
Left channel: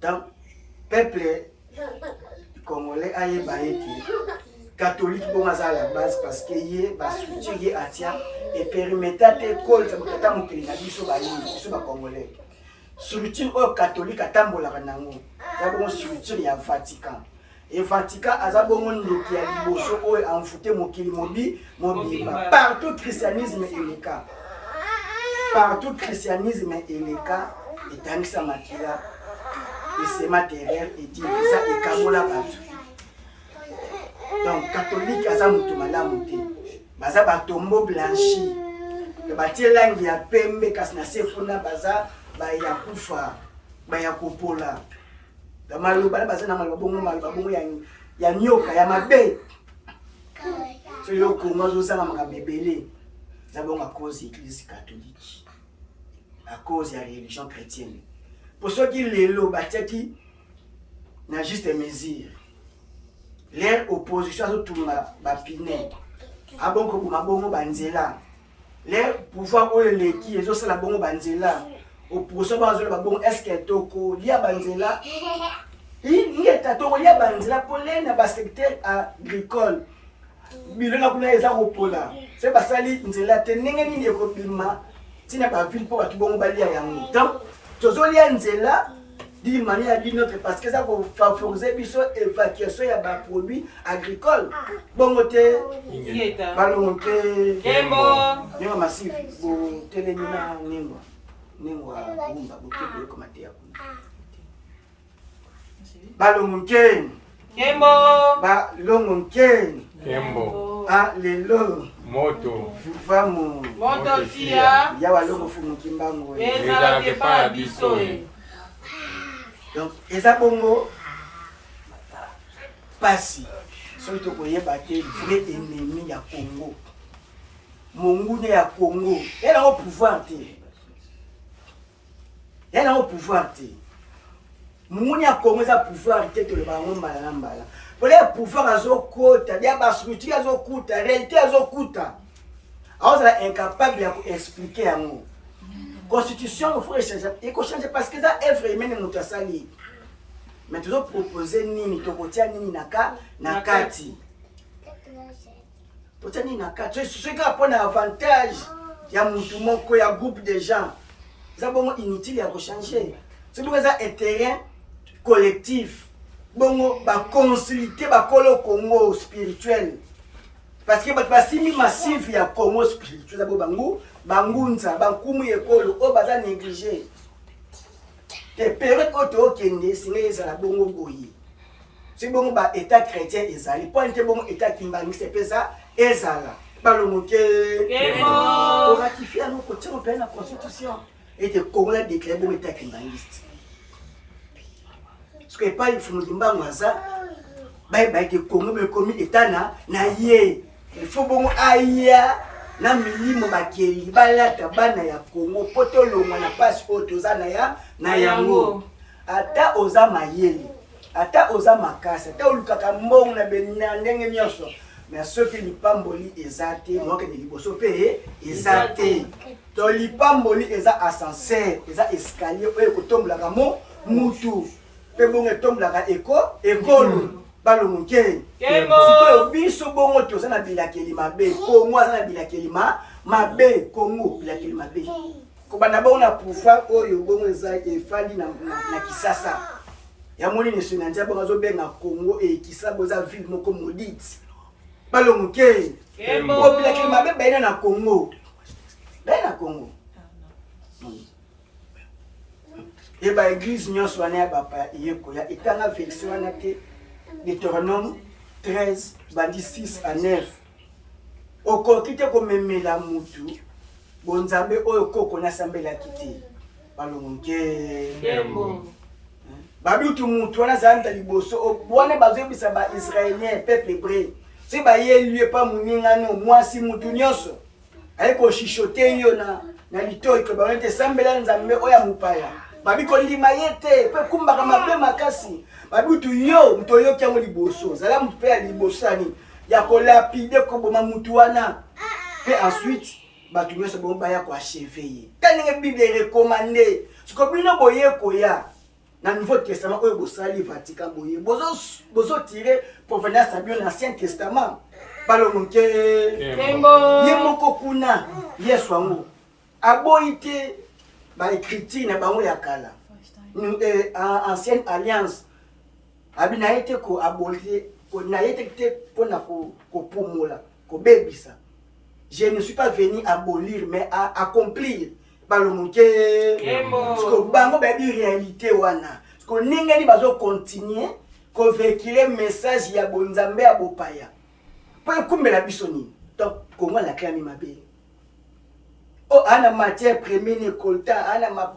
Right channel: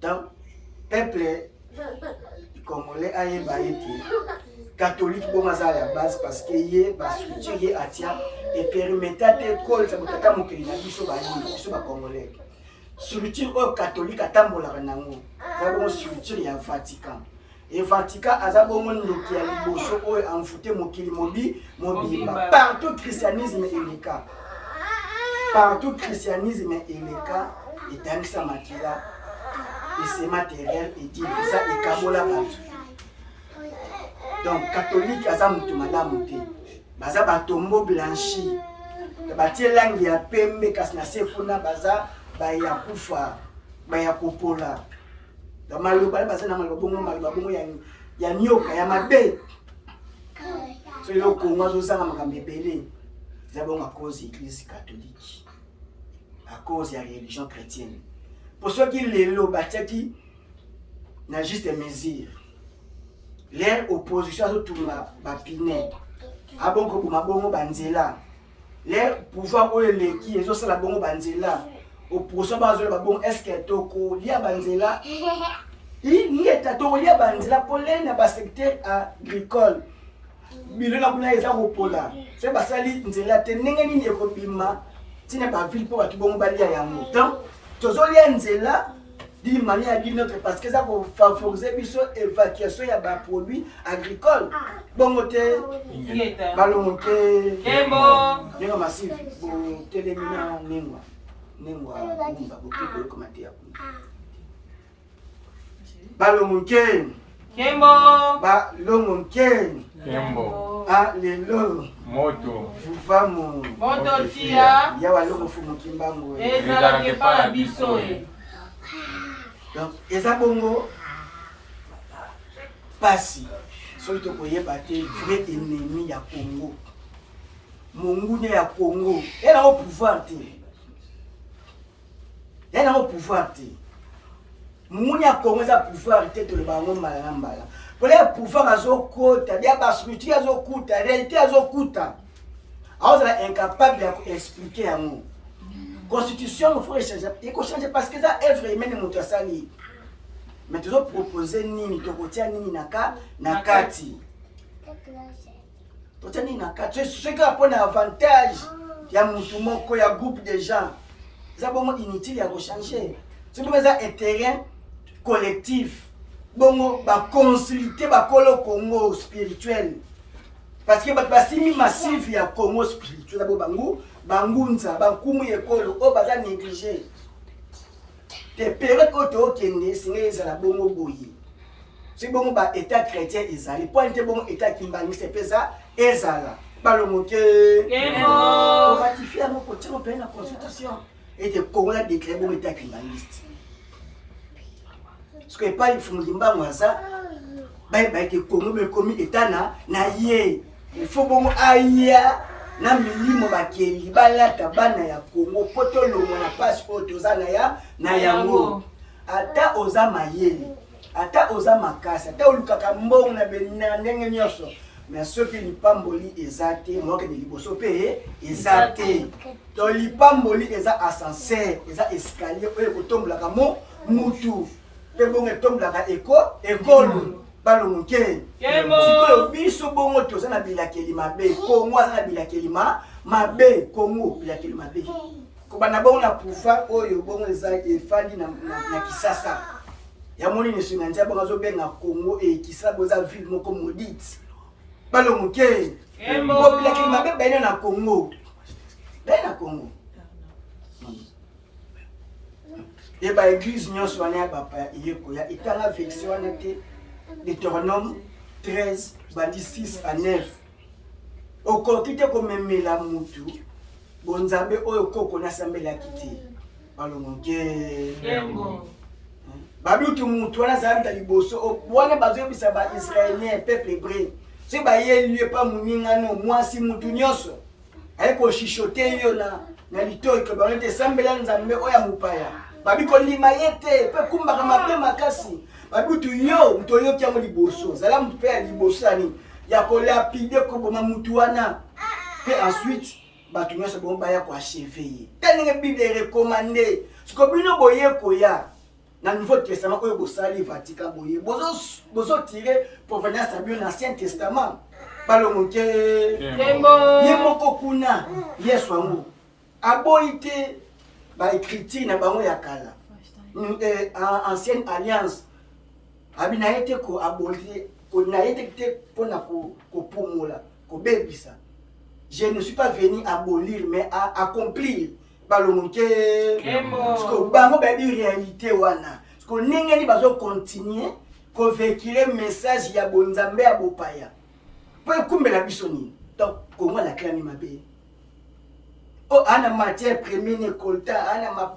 donc peuple congolais ayeba été catholique bon à la base parce que yé ba structure yé atia et permettait école ça mokata mokili na biso ba yini biso ba congolais structure catholique atambola nango za bon structure ya Vatican et Vatican aza bon ndoki ya liboso oyo envoûté mokili mobimba partout christianisme est le cas partout christianisme est le cas et tangisa makila et c'est matériel et dit ça et kamola bantu. Donc catholique aza mutu malamu te baza batombo blanchi batie langi ya pembe kasi na sefuna baza baya kufa baya kopola maloba baza na maloba bongo ya nyoka ya mabe so yo kongo azosanga makambo ebele eza bongo à cause église catholique à cause ya religion chrétienne pour ceux qui lelo batiaki na juste mesure leur opposition à tout ma pine a bon ko bongo banzela leur pouvoir o leki ezo sala bongo banzela opposition ba zo ba bongo est-ce que toko lia banzela ngeta to lia banzela polena ba secteur agricole bilona kuna eza kopola c'est ba sali nzela te ninge nini ekobima tina ba ville po batu bongo balia yango donc tozo lia nzela d'une manière d'une autre parce que ça va favoriser l'évacuation de bas produits agricoles. Bon côté, ballon que, n'importe massif, bon télémina n'importe, n'importe bomba, beaucoup de commentaires. Ballon que, ballon que, ah les lots, moto, famo, moto tia, ya walongo fumu kimbango, ezalaki pa biso. Donc, eza bongo pasi soki tokoyeba te vrai ennemi ya Congo mongune ya Congo yana au pouvoir te mongune ya Congo eza pouvoir te toloba yango mbala na mbala pole ya pouvoir azokota bia bastructure azokuta réalité azokuta azala incapable ya koexpliquer yango. Constitution, il faut changer parce que ça œuvre humaine moto asali. Mais tu dois proposer nini tokotia nini na kati. Tokotia nini na kati. Ce qui a un avantage ya mutu moko ya groupe de gens. Ça bon inutile ya changer. C'est pour ça un terrain collectif. Bongo ba consulter ba kolo Congo spirituel. Parce que ba simi massif ya Congo spirituel abo bangunza bankumu ekolo o baza négligé te période oto okende singa ezala bongo boye si bongo ba état chrétien ezali point bongo état kimbangiste pesa ezala balomoke pour ratifier nos côtés européens la constitution et te Congo a déclaré bongo état kimbangiste parce que pas il faut mlimba mwaza ba te Congo me commis état na ye il faut bongo aya na milimo bakeli balata bana ya Congo potolongo na passe otozana ya na yango ata oza mayeli ata oza makasa ata olukaka mbongo na benina ndenge nyonso mais soki lipamboli ezate moke de liboso pe ezate to lipamboli eza ascenseur eza escalier oyo kotombolaka mutu pe bongo etombolaka ekolo balongo nke sikoyo biso bongo toza na bilakeli mabe Congo aza na bilakeli mabe Congo bilakeli mabe kobanda bongo na pouvoir oyo bongo eza efandi na Kisasa ya moni neso na nzia bongo azobenga Congo e Kisasa boza ville moko maudite balongo nke bilakeli mabe bena na Congo et ba église nyonso wana ya bapa yeko ya etanga version wana te Deutéronome 13 bandi 6 à 9 okoki te komemela mutu bonzambe oyo koko na sambela kiti balongo nke babitu mutu wana zanda liboso wana bazobisa ba israélien peuple hébreu si ba yelue pa muningano mwasi mutu nyonso ayeko shishote yo na litoyi ko ba nte sambela nzambe oya mupaya babiko lima yete pe kumbaka mabe makasi babitu yo mtoyo kyango liboso zala mutu pe ya liboso ani ya kolapide ko boma mutu wana pe ensuite batu nyonso bongo baya ko achever ye taninge bible recommandé siko bino boye koya Dans le Nouveau Testament, vous avez Vatican, vous avez tiré provenance de l'Ancien Testament. Balomuke, Yemokokuna, Yeswango. Aboïté, écriture, na bango yakala. Ancienne alliance. Abina été ko abolir, na été pour na ko pomola, ko bebisa. Je ne suis pas venu abolir, mais à accomplir. Balomuke, parce que bango ba di réalité wana. Parce que ningeni bazo continuer ko véhiculer message ya bonzambe ya bopaya. Pour kumbela bisoni. Donc comment la clame mabe. Oh ana matière première ne colta ana ma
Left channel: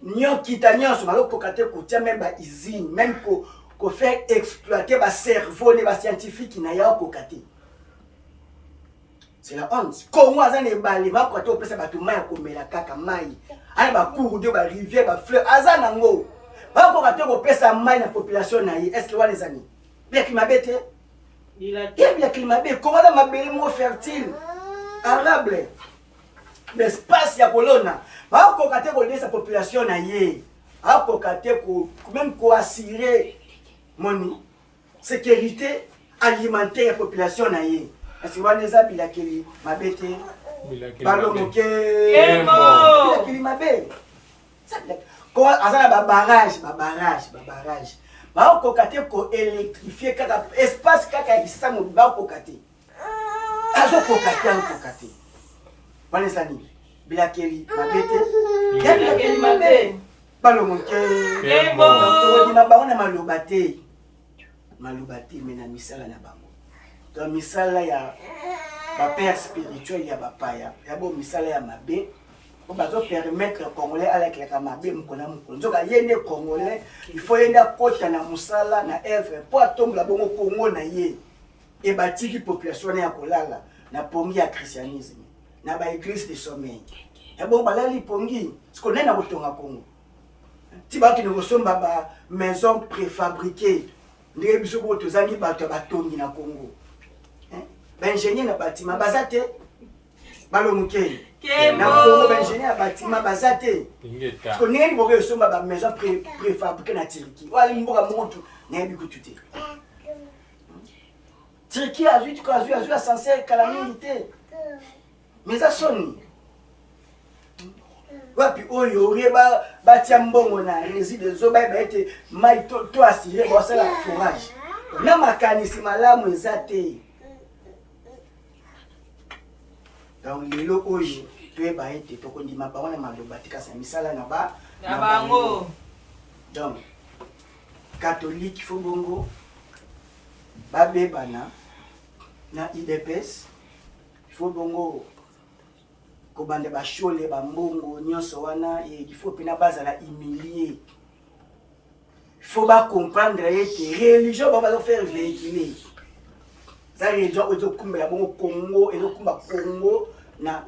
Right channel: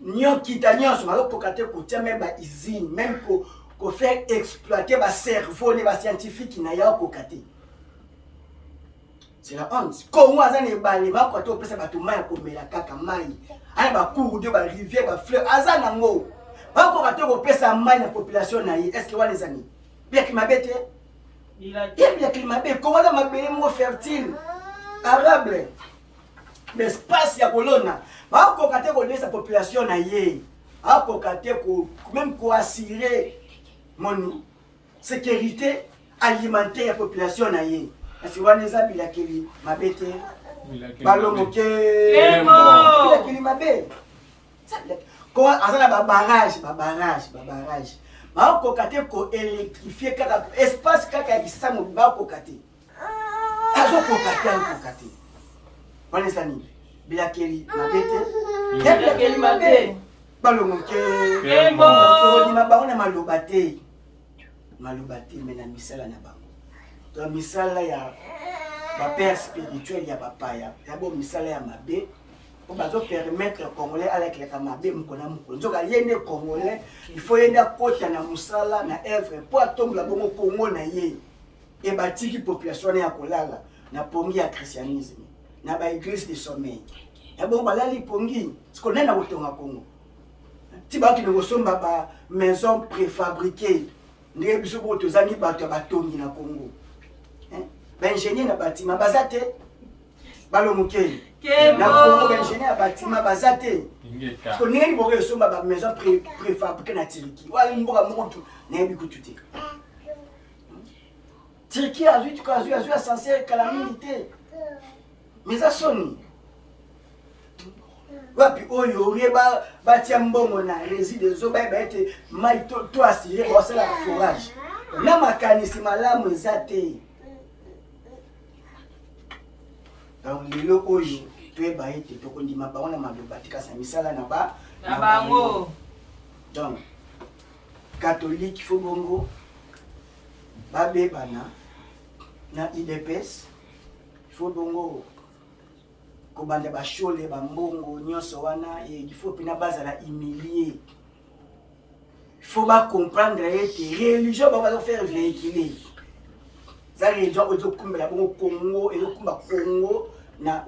nyon kita nyon so malo kokate ko tia même ba usine même ko faire exploiter ba cerveau ne ba scientifique na ya kokate. C'est la honte. Comment azane bali ba ko to pesa ba to mai ko mela kaka mai. Ana ba cours de ba rivière ba fleuve azana ngo. Ba ko ka to pesa mai na population na yi. Est-ce que wa les amis? Bien qui m'abete. Il y a climat bien. Comment ça m'appelle mot fertile? Arable. L'espace ya colonna. Ba ko ka te ko sa population na yi. Ba ko ka te ko même ko assurer mon sécurité alimentaire ya population na yi. Est-ce que wa les abila keli mabete? Balomoke. Bila keli mabe. Ça ko azana ba barrage. Ba ko kate ko électrifier kaka espace kaka kisasa mo ba ko kate. Azo ko kate. Bane sani. Bila keli mabete. Bila keli mabe. Balomoke. To di mabanga na malobate. Malobate mena misala na bango. Donc misala ya ba père spirituel ya papa ya bo misala ya mabe. On va permettre aux Congolais avec les Kamabé mukona mukona. Donc yene Congolais, il faut yenda kota na musala na œuvre pour attendre la bongo Congo na ye. Et batiki population na kolala na pongi ya christianisme. Na ba église de sommeil. Ya bon balali pongi, ce qu'on a na botonga Congo. Ti ba ki no somba ba maison préfabriquée. Ndé biso bo tozangi bato batongi na Congo. Ba ingénieur na bâtiment bazate. Balomuke. Na Congo ingénieur bâtiment bazate. Parce que nini boke somba ba maison préfabriquée na Turquie. Wa mboka montu na bikutute. Turquie a vu censé calamité. Mais ça sonne. Wapi oyo reba batia mbongo na réside zo ba ete mai to assuré pour ça la forage. Na makanisi malamu ezate. Donc lelo oyo to ba ete to kondima ba ona maloba tika sa misala na bango. Donc catholique fo bongo ba bebana na IDPS fo bongo ko bande ba shole ba mbongo nyonso wana il faut pina bazala humilier. Il faut pas comprendre que religion va faire véhiculer. Ça religion est au kumbela bongo Congo et au kumba Congo na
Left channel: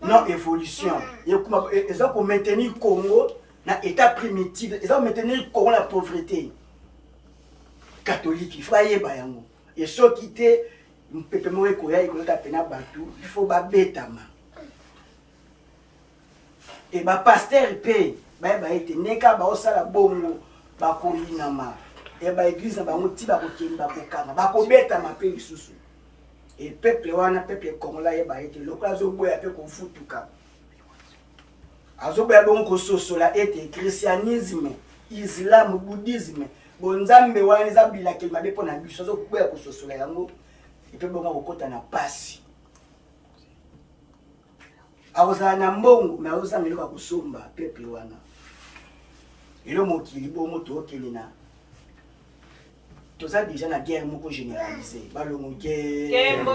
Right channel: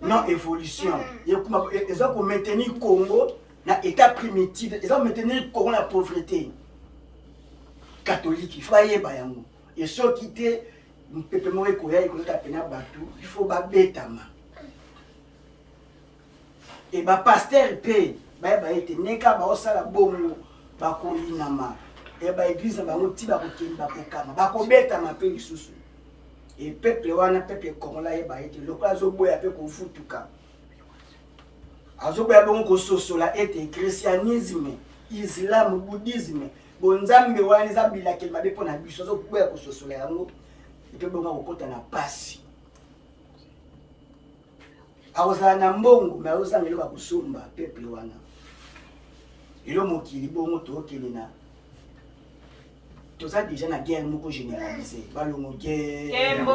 non évolution. Et ils ont pour maintenir Congo na état primitif, ils ont maintenir Congo la pauvreté. Catholique, il faut aller bayango. Et ceux qui étaient pepe moye koya ikoleka pena batu, il faut ba betama. Et ba pasteur pe ba ete neka ba osala bongo ba ko inama. Et ba église ba ngoti ba ko kemba ko kama ba ko betama pe lisusu. Et peuple wana peuple congolais ba ete lokala zo boya pe ko futuka. Azo boya bongo ko sosola ete christianisme, islam, bouddhisme, bonzambe wana zabila kelma be pona biso zo boya ko sosola yango. Et puis bongo ko kota na pasi. Awozala na mbongo na oza ngeluka kusomba peuple wana. Elo mokili bongo to okelina. Toza déjà na guerre moko généralisée. Balongo guerre.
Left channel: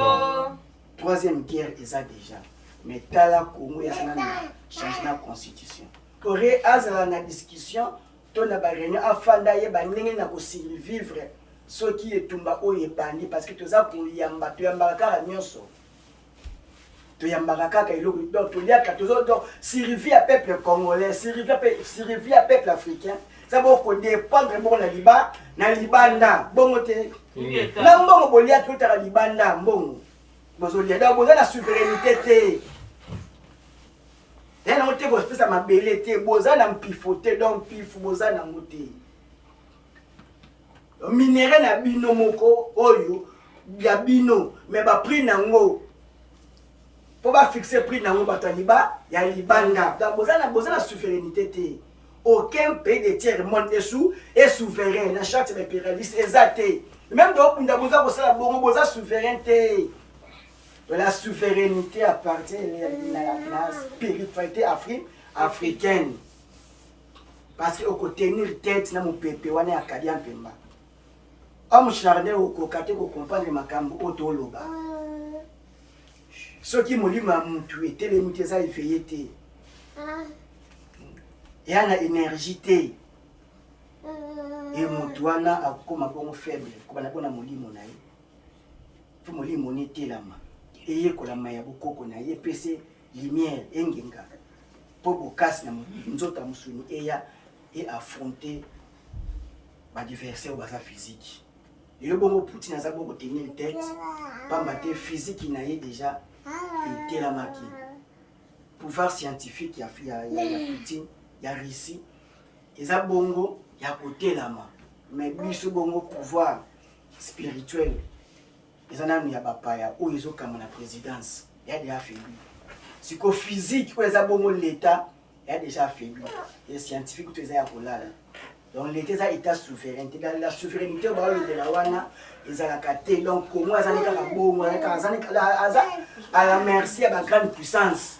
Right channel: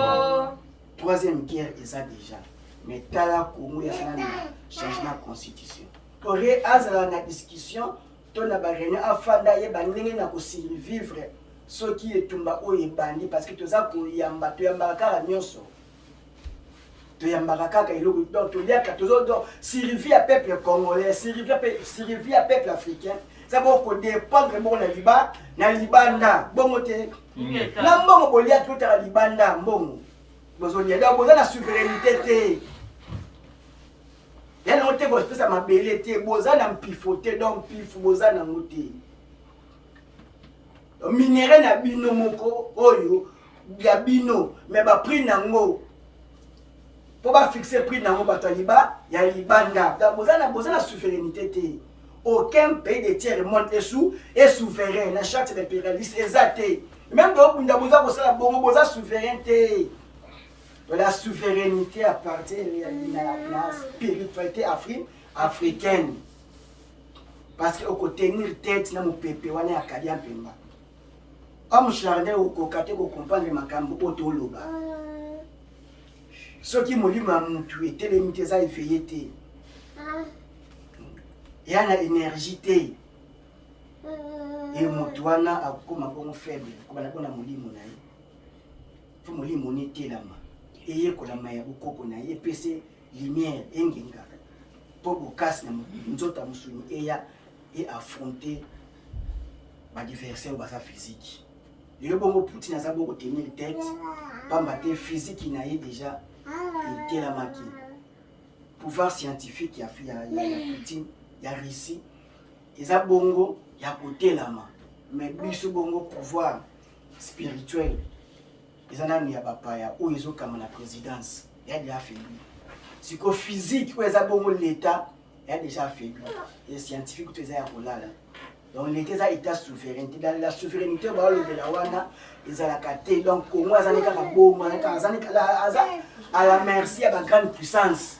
Troisième guerre eza déjà. Mais tala Congo ya sana na changer la constitution. Ore azala na discussion to na ba réunion afanda ye ba ndenge na ko survivre ce qui est tumba oye bandi parce que toza ko yamba to yamba kaka nyonso. To yamba kaka iloko donc to lia ka tozo donc survivre à peuple congolais, survivre à peuple africain. Ça va ko dépendre bon na libanda bongo te. Na mbongo bolia tout à libanda mbongo. Bozolia donc boza na souveraineté te. Et non te te bopesa mabele te boza na mpifote donc pifu boza na ngote minere na bino moko oyo ya bino mais ba prix nango po ba fixer prix nango bato ya libanda donc boza na souveraineté te. Aucun pays de tiers monde est souverain na charte de impérialiste exacté même donc bunda boza ko sala bongo boza souveraineté. La souveraineté appartient à la spiritualité africaine. Parce que au tenir tête na mon pépé wana ya kadia pemba. Homme charnel au kokate ko comprendre makambo otoloba. Ce qui me dit m'a mutu était les muteza effeyete. Yana énergie té. Et mutwana akoma bon faible ko bana bona molimo na ye. Fu molimo ni telama. Eye kolama ya bokoko na ye pese lumière engenga po bokasi na nzota musuni eya et affronter ba adversaire basa physique. Le bongo Poutine a beaucoup tenir tête pamba te physique na ye déjà était la maki. Pouvoir scientifique ya Poutine ya Russie eza bongo ya côté la ma mais biso bongo pouvoir spirituel. Les anami ya bapaya ou ils ont comme la présidence il y a déjà faibli psychophysique ou les abongo l'état il y a déjà faibli les scientifiques tout ça là donc l'état ça état souverain dans la souveraineté ba de la wana ils ont la caté donc pour moi ça n'est pas bon à la merci à la grande puissance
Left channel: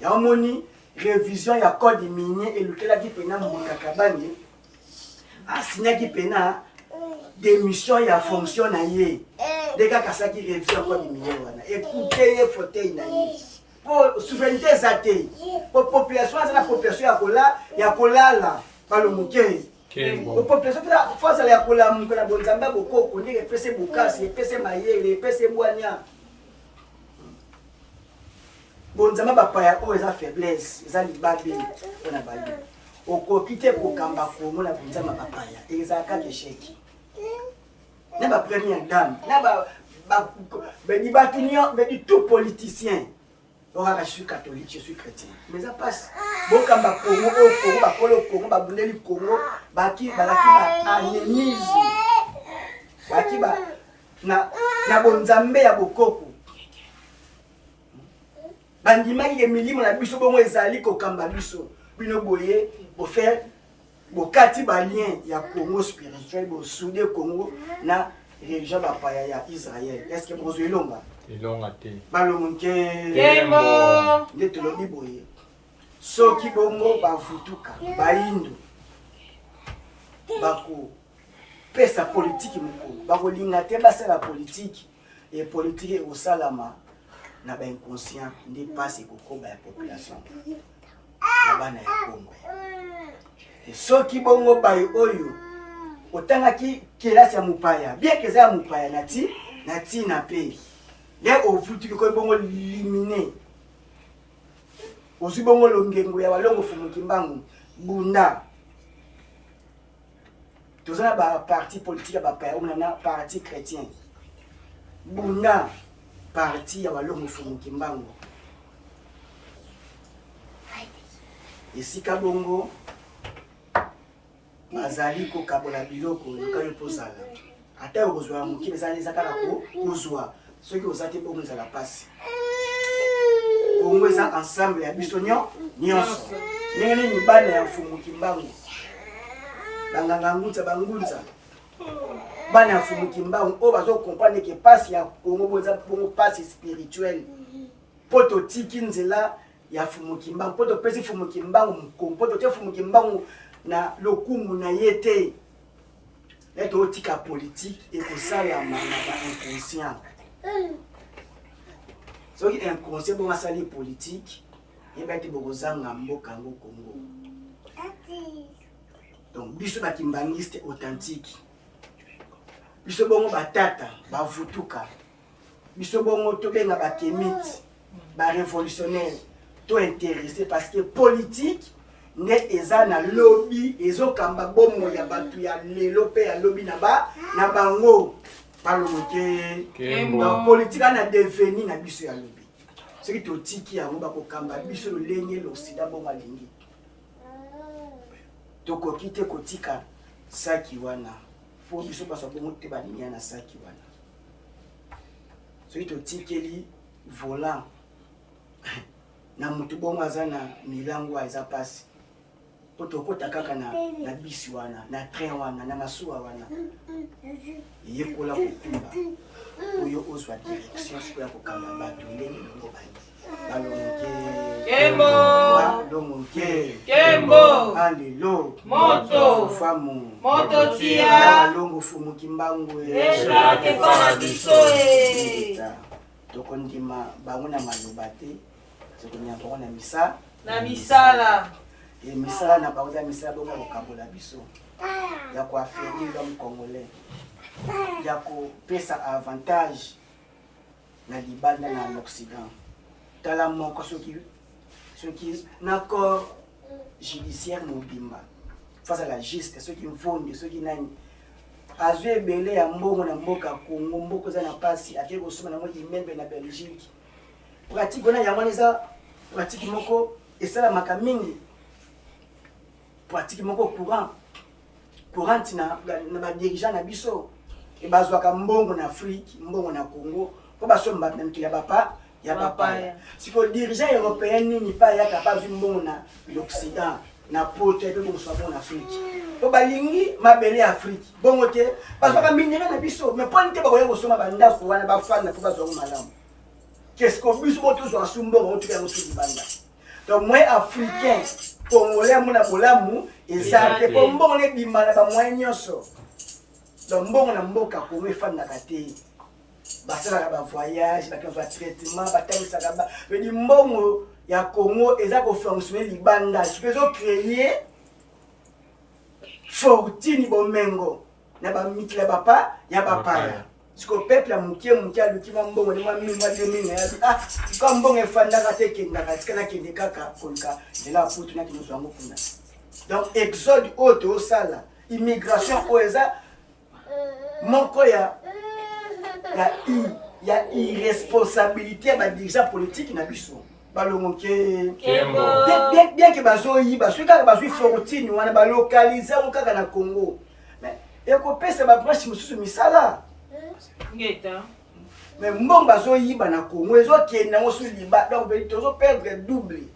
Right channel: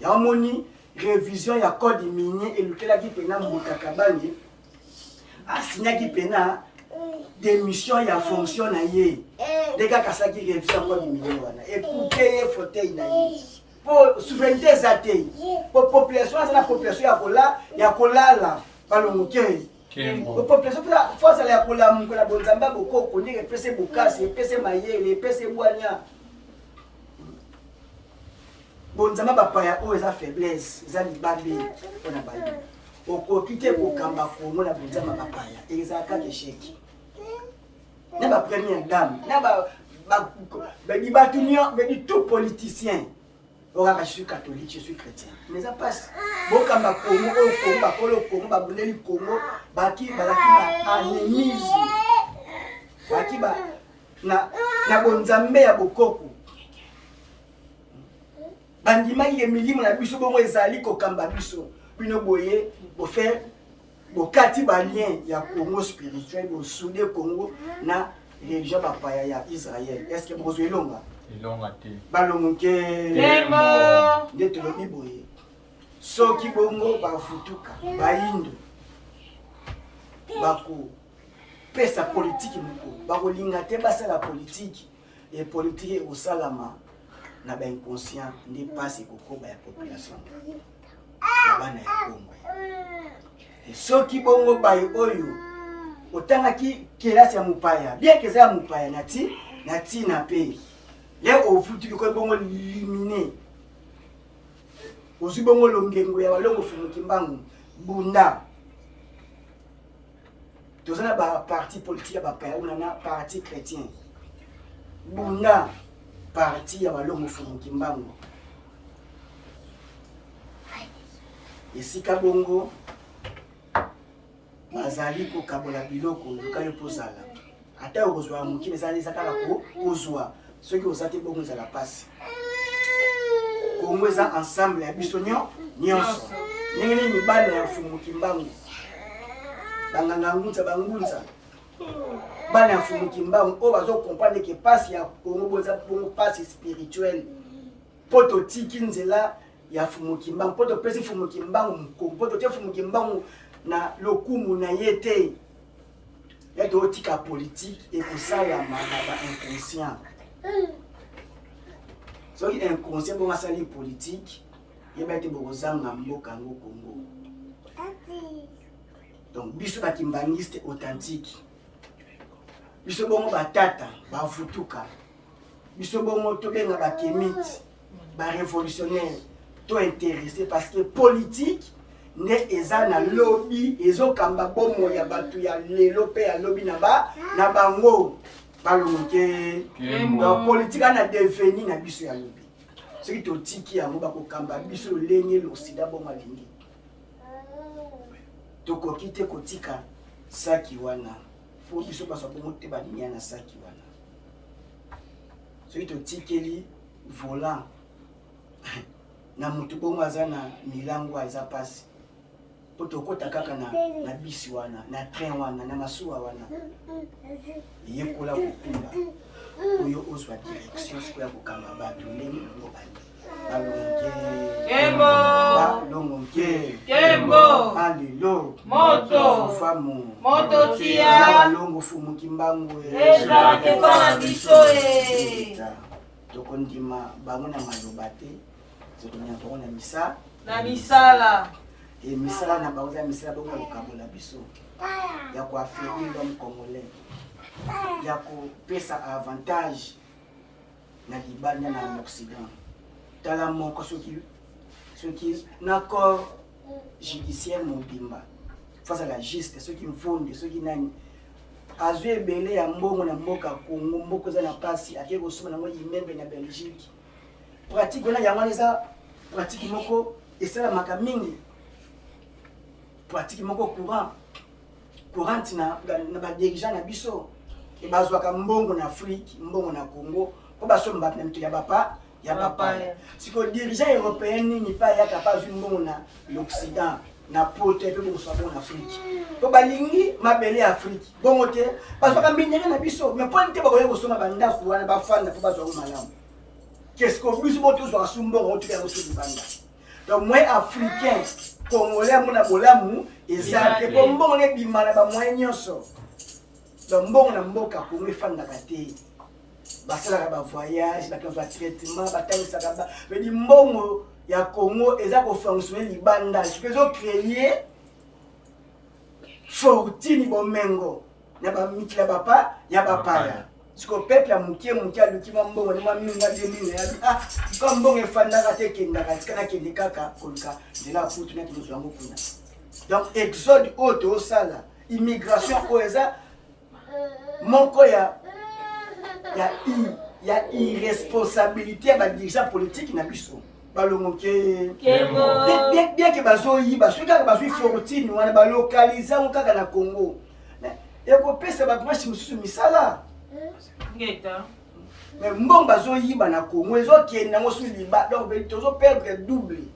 il y a moni révision ya code minier et lequel a dit pena mutakabani a signé qui pena démission ya fonction na ye des gars qui révisent encore du milieu écoutez les fauteuils na ye pour souveraineté zaté pour population la population ya kolala balomukei pour population force ya kola mungu na bonzamba bokoko ni pese bokasi pese mayele pese bwanya bonzamba bapaya o eza faiblesse eza libabe ona bayi okokite kokamba ko mona bonzamba bapaya eza ka échec. N'a pas première dame, n'a pas tout politicien. Je suis catholique, je suis chrétien. Mais ça passe. Bon, quand ma Congo, Congo, Babundeli Congo, Baki, anémise. Baki, na bonzambe ya bokoko. Bandima il est milimo na biso bongo ezali ko kamba biso. Bino boye, bo faire bokati balien ya Congo spirituel bo soudé Congo na religion bapaya ya Israël. Est-ce que vous elonga? Elonga te. Balomunke Tembo. Ndete lobi boye. Soki bongo bafutuka, baindo. Bako pesa politique moko. Bako linga te basa la politique et politique au salama na ba inconscient ne passe kokoba ya population. Ya bana ya Congo. Et soki bongo bayo oyo otanga ki kelasi ya mupaya bien que ça mupaya nati na pe les ofuti ko bongo liminer osi bongo longengo ya balongo fumuki mbangu bunda tozana ba parti politique ba pa on na parti chrétien bunda parti ya balongo fumuki mbangu esika bongo bazali ko kabola biloko yoka yopozala ata yozwa mukine zali zakala ko kozwa ceux qui osate bongo za la passe kongweza ensemble ya biso nyonso nengene ni bana ya fumuki mbangu banganga ngutsa bangunza bana ya fumuki mbangu o bazo comprendre que passe ya Congo boza bongo passe spirituelle poto tiki nzela ya fumuki mbangu poto pesi fumuki mbangu poto te fumuki mbangu na lokumu na yete neto otika politique et que ça la manaba inconscient so qui inconscient bon sali politique et bete bokozanga mboka ngo Congo donc biso ba kimbangiste authentique biso bongo batata bavutuka biso bongo to benga ba kemite ba révolutionnaire to intéressé parce que politique ne eza na lobby ezokamba bomo ya batu ya lelo pe ya lobby na bango balonke donc politique na deveni na biso ya lobby Ce qui te tiki yango bakokamba biso lolenge l'Occident bon malingi. Tokoki te kotika saki wana. Faut biso paso bongo te balingi na saki wana. Ce qui te tikeli volant. Na mutu bongo azana milango eza pasi. Potokota kaka na bisi wana, na train wana, na masuwa wana. Yekola kokunda. Oyo ozwa direction sikoya kokamba bato ndenge bongo bali. Balongoke. Kembo. Alelo. Moto. Famu. Moto tia. Balongo fumu kimbangwe. Esha kefana bisoe. Tokondima bango na maloba te. Tokonya mpoko na misa. Na misala. Et misala na bango misala bongo kokambola biso. Ya ko affaiblir l'homme congolais. Ya ko pesa avantage na libanda na l'Occident. Tala moko soki n'accord judiciaire mobimba face à la justice, ceux qui fondent, ceux qui nani azwe belé ya mbongo na mboka Congo mboko za na pasi ake ko soma na ngo imembe na Belgique pratique wana ya mwaneza pratique moko esala makamingi pratique moko courant na ba dirigeant na biso e bazwa ka mbongo na Afrique mbongo na Congo ko basomba na mikili ya bapa ya bapaya. Si que dirigeant européen ni pas ya capable mbongo na l'Occident na pote pe ko so en Afrique. To balingi mabele Afrique. Bongo te parce que minere na biso mais point te ba ko soma banda ko wana ba fana ko bazo malamu. Qu'est-ce que biso boto zo asumbo ko tuka ko su banda. Donc moi africain congolais mona bolamu ezate ko mbongo ne bimana ba moyen nyonso. Donc mbongo na mboka ko me fana kate. Basala ba voyage, ba traitement, ba talisaka ba. Mais mbongo ya Congo eza ko fonctionner libanda. Ce que zo créer fortune bomengo na ba mikila bapa ya bapaya. Ce que peuple mukie aluki mbongo na mami mwa demi na ya comme mbongo efanda ka te kenda ka tikana kende kaka konka de la putu na kino zango kuna. Donc exode auto sala immigration oeza moko ya irresponsabilité ba dirigeant politique na biso balongoke bien que bazoyi baso kaka bazo fortune wana ba localiser on kaka na Congo mais eko pesa ba branche mususu misala ngeta mais mbongo bazoyi ba na Congo ezo kenda ngo su liba donc tozo perdre double.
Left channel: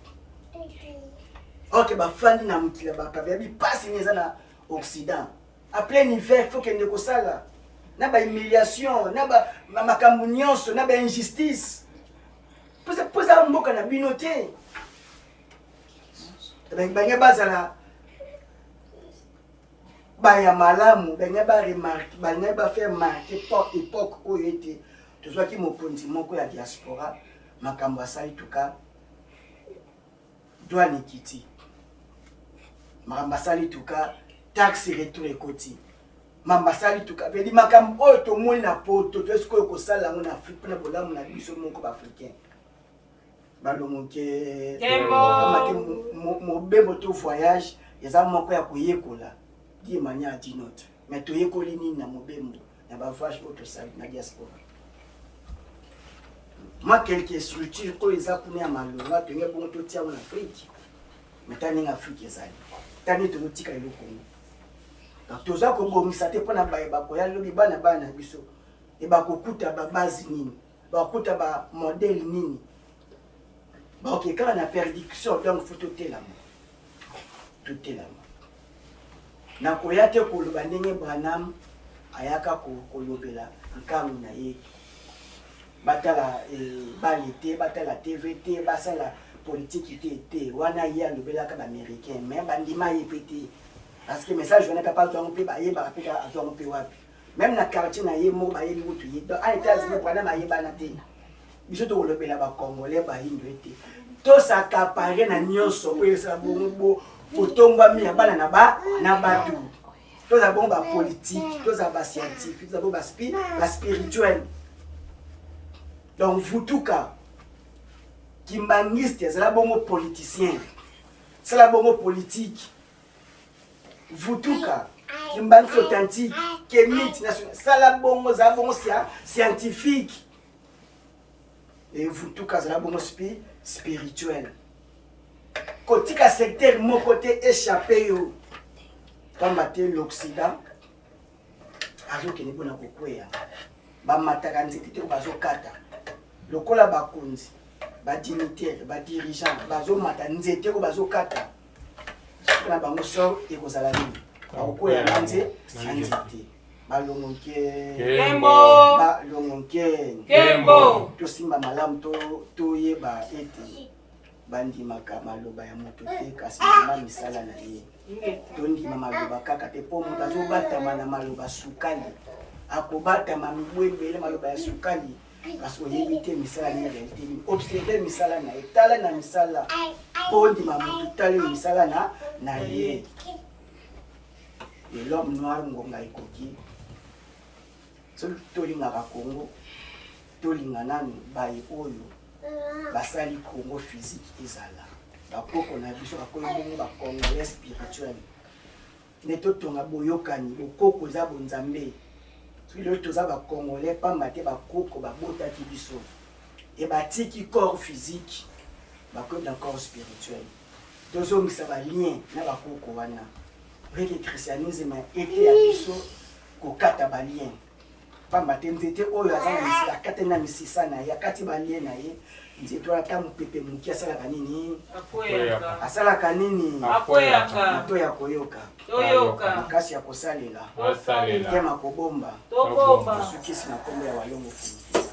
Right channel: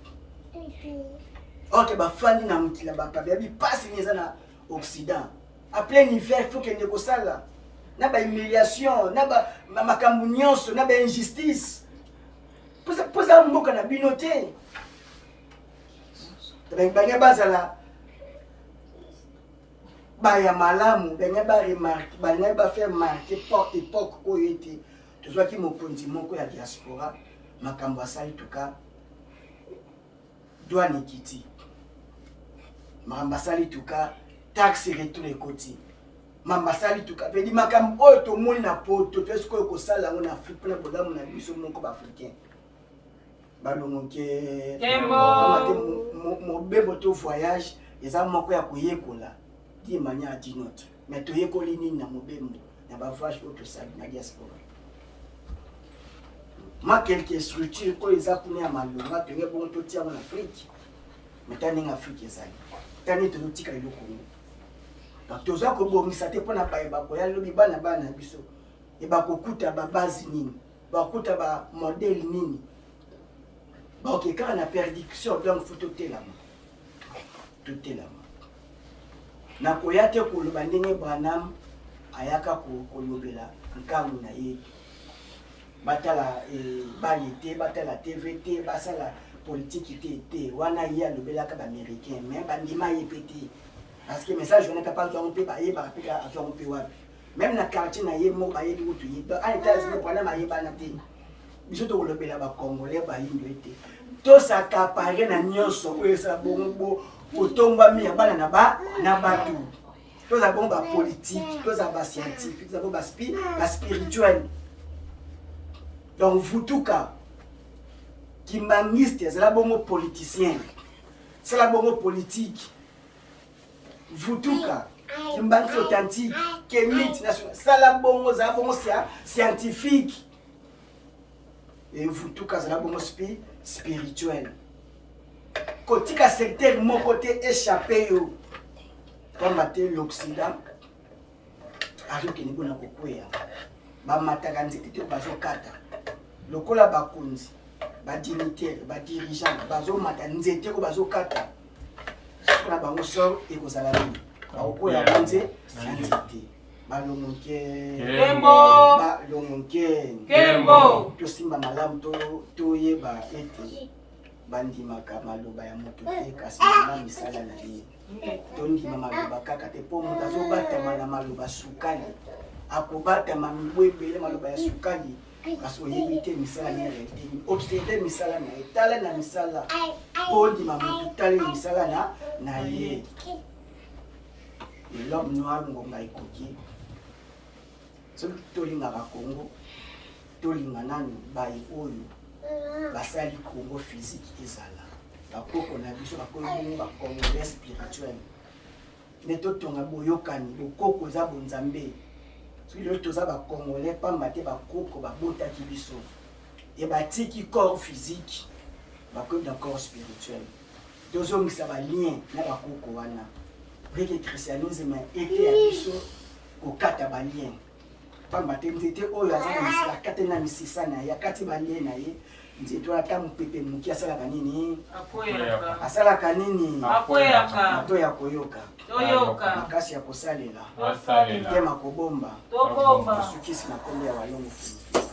OK ba fandi na mutila ba kabi passe neza na Occident à plein hiver faut kende ko sala na ba humiliation na ba makambo nyonso na ba injustice poza mboka na bino te banga bazala ba ya malamu banga ba remarque banga ba faire marquer pour époque oyo ete tozwaki mokonzi moko ya diaspora makambo asali tuka douane kiti makambo asali tuka taxe retour ekoti mambasali tuka vedi makambo oyo tomoni na poto to esko ko sala ngo na Afrique na bolamu na biso moko ba africain balongoke amate mobembo to voyage eza moko ya koyekola die mania dinote mais to yekoli nini na mobembo na ba voyage oyo tosali na diaspora ma quelques structures ko eza kuna ya malonga to nge bongo to tia en Afrique mais tani en Afrique ezali tani to tika iloko toza kobongisa te mpona bayeba koya lobi bana biso e bakokuta babase nini bakokuta ba modèle nini bakokekaka na perdiction donc faut totelama nakoya te koloba ndenge Branham ayaka kolobela nkango na ye batala bale te batala TV te basala politique te wana ye alobelaka baaméricain mais bandima ye pe te parce que message venait pas de romper ba yeba pika à romper wapi même na quartier na ye mo ba yebi mutu ye donc en États-Unis pour na ba yeba na te biso to lobela ba congolais ba yindo ete to s'accaparer na nyonso oyo sa bongo otomba mi bana na batu to za bongo ba politique to za ba scientifique za bongo ba spirituel donc vutuka kimbangiste c'est la bongo politicien c'est la bongo politique vutuka kimbangi authentique kemiti national sala bongo za bongo scientifique et vous tout kazala bongo spirituel kotika secteur mon côté échappé yo pamba te l'Occident azokende bona kokweya bamataka nzete te bazokata lokola bakonzi badignitaire badirigant bazomata nzete ko bazokata na bango sor ekozala nini bakokwela na nzete balongoke Kembo tosimba malamu toyeba ete bandimaka maloba ya moto te kasi na misala na ye tondima maloba kaka te mpo moto azobatama na maloba sukali akobatama mibu ebele maloba ya sukali kasi oyebi te misala na ye observe misala na ye tala na misala mpo ndima moto tala misala na ye de l'homme noir ngonga ekoki soki tolingaka Congo tolinga nanu baye oyo basali Congo physique ezala bakoko na biso bakoyi bakongolais spirituel nde totonga boyokani bokoko eza bonzambe soki lelo toza bakongolais pamba te bakoko babotaki biso e batiki corps physique bakoyi na corps spirituel tozongisa balien na bakoko wana reke christianisme ete ya biso kokata balien pamba te nzete oyo aza na misala akati na misisa na ye akati balien na ye nzete oyo ata mopepe moki asalaka nini asalaka nini mato ya koyoka makasi ya kosalela tema kobomba mosukisi na kombo ya walongo fuluki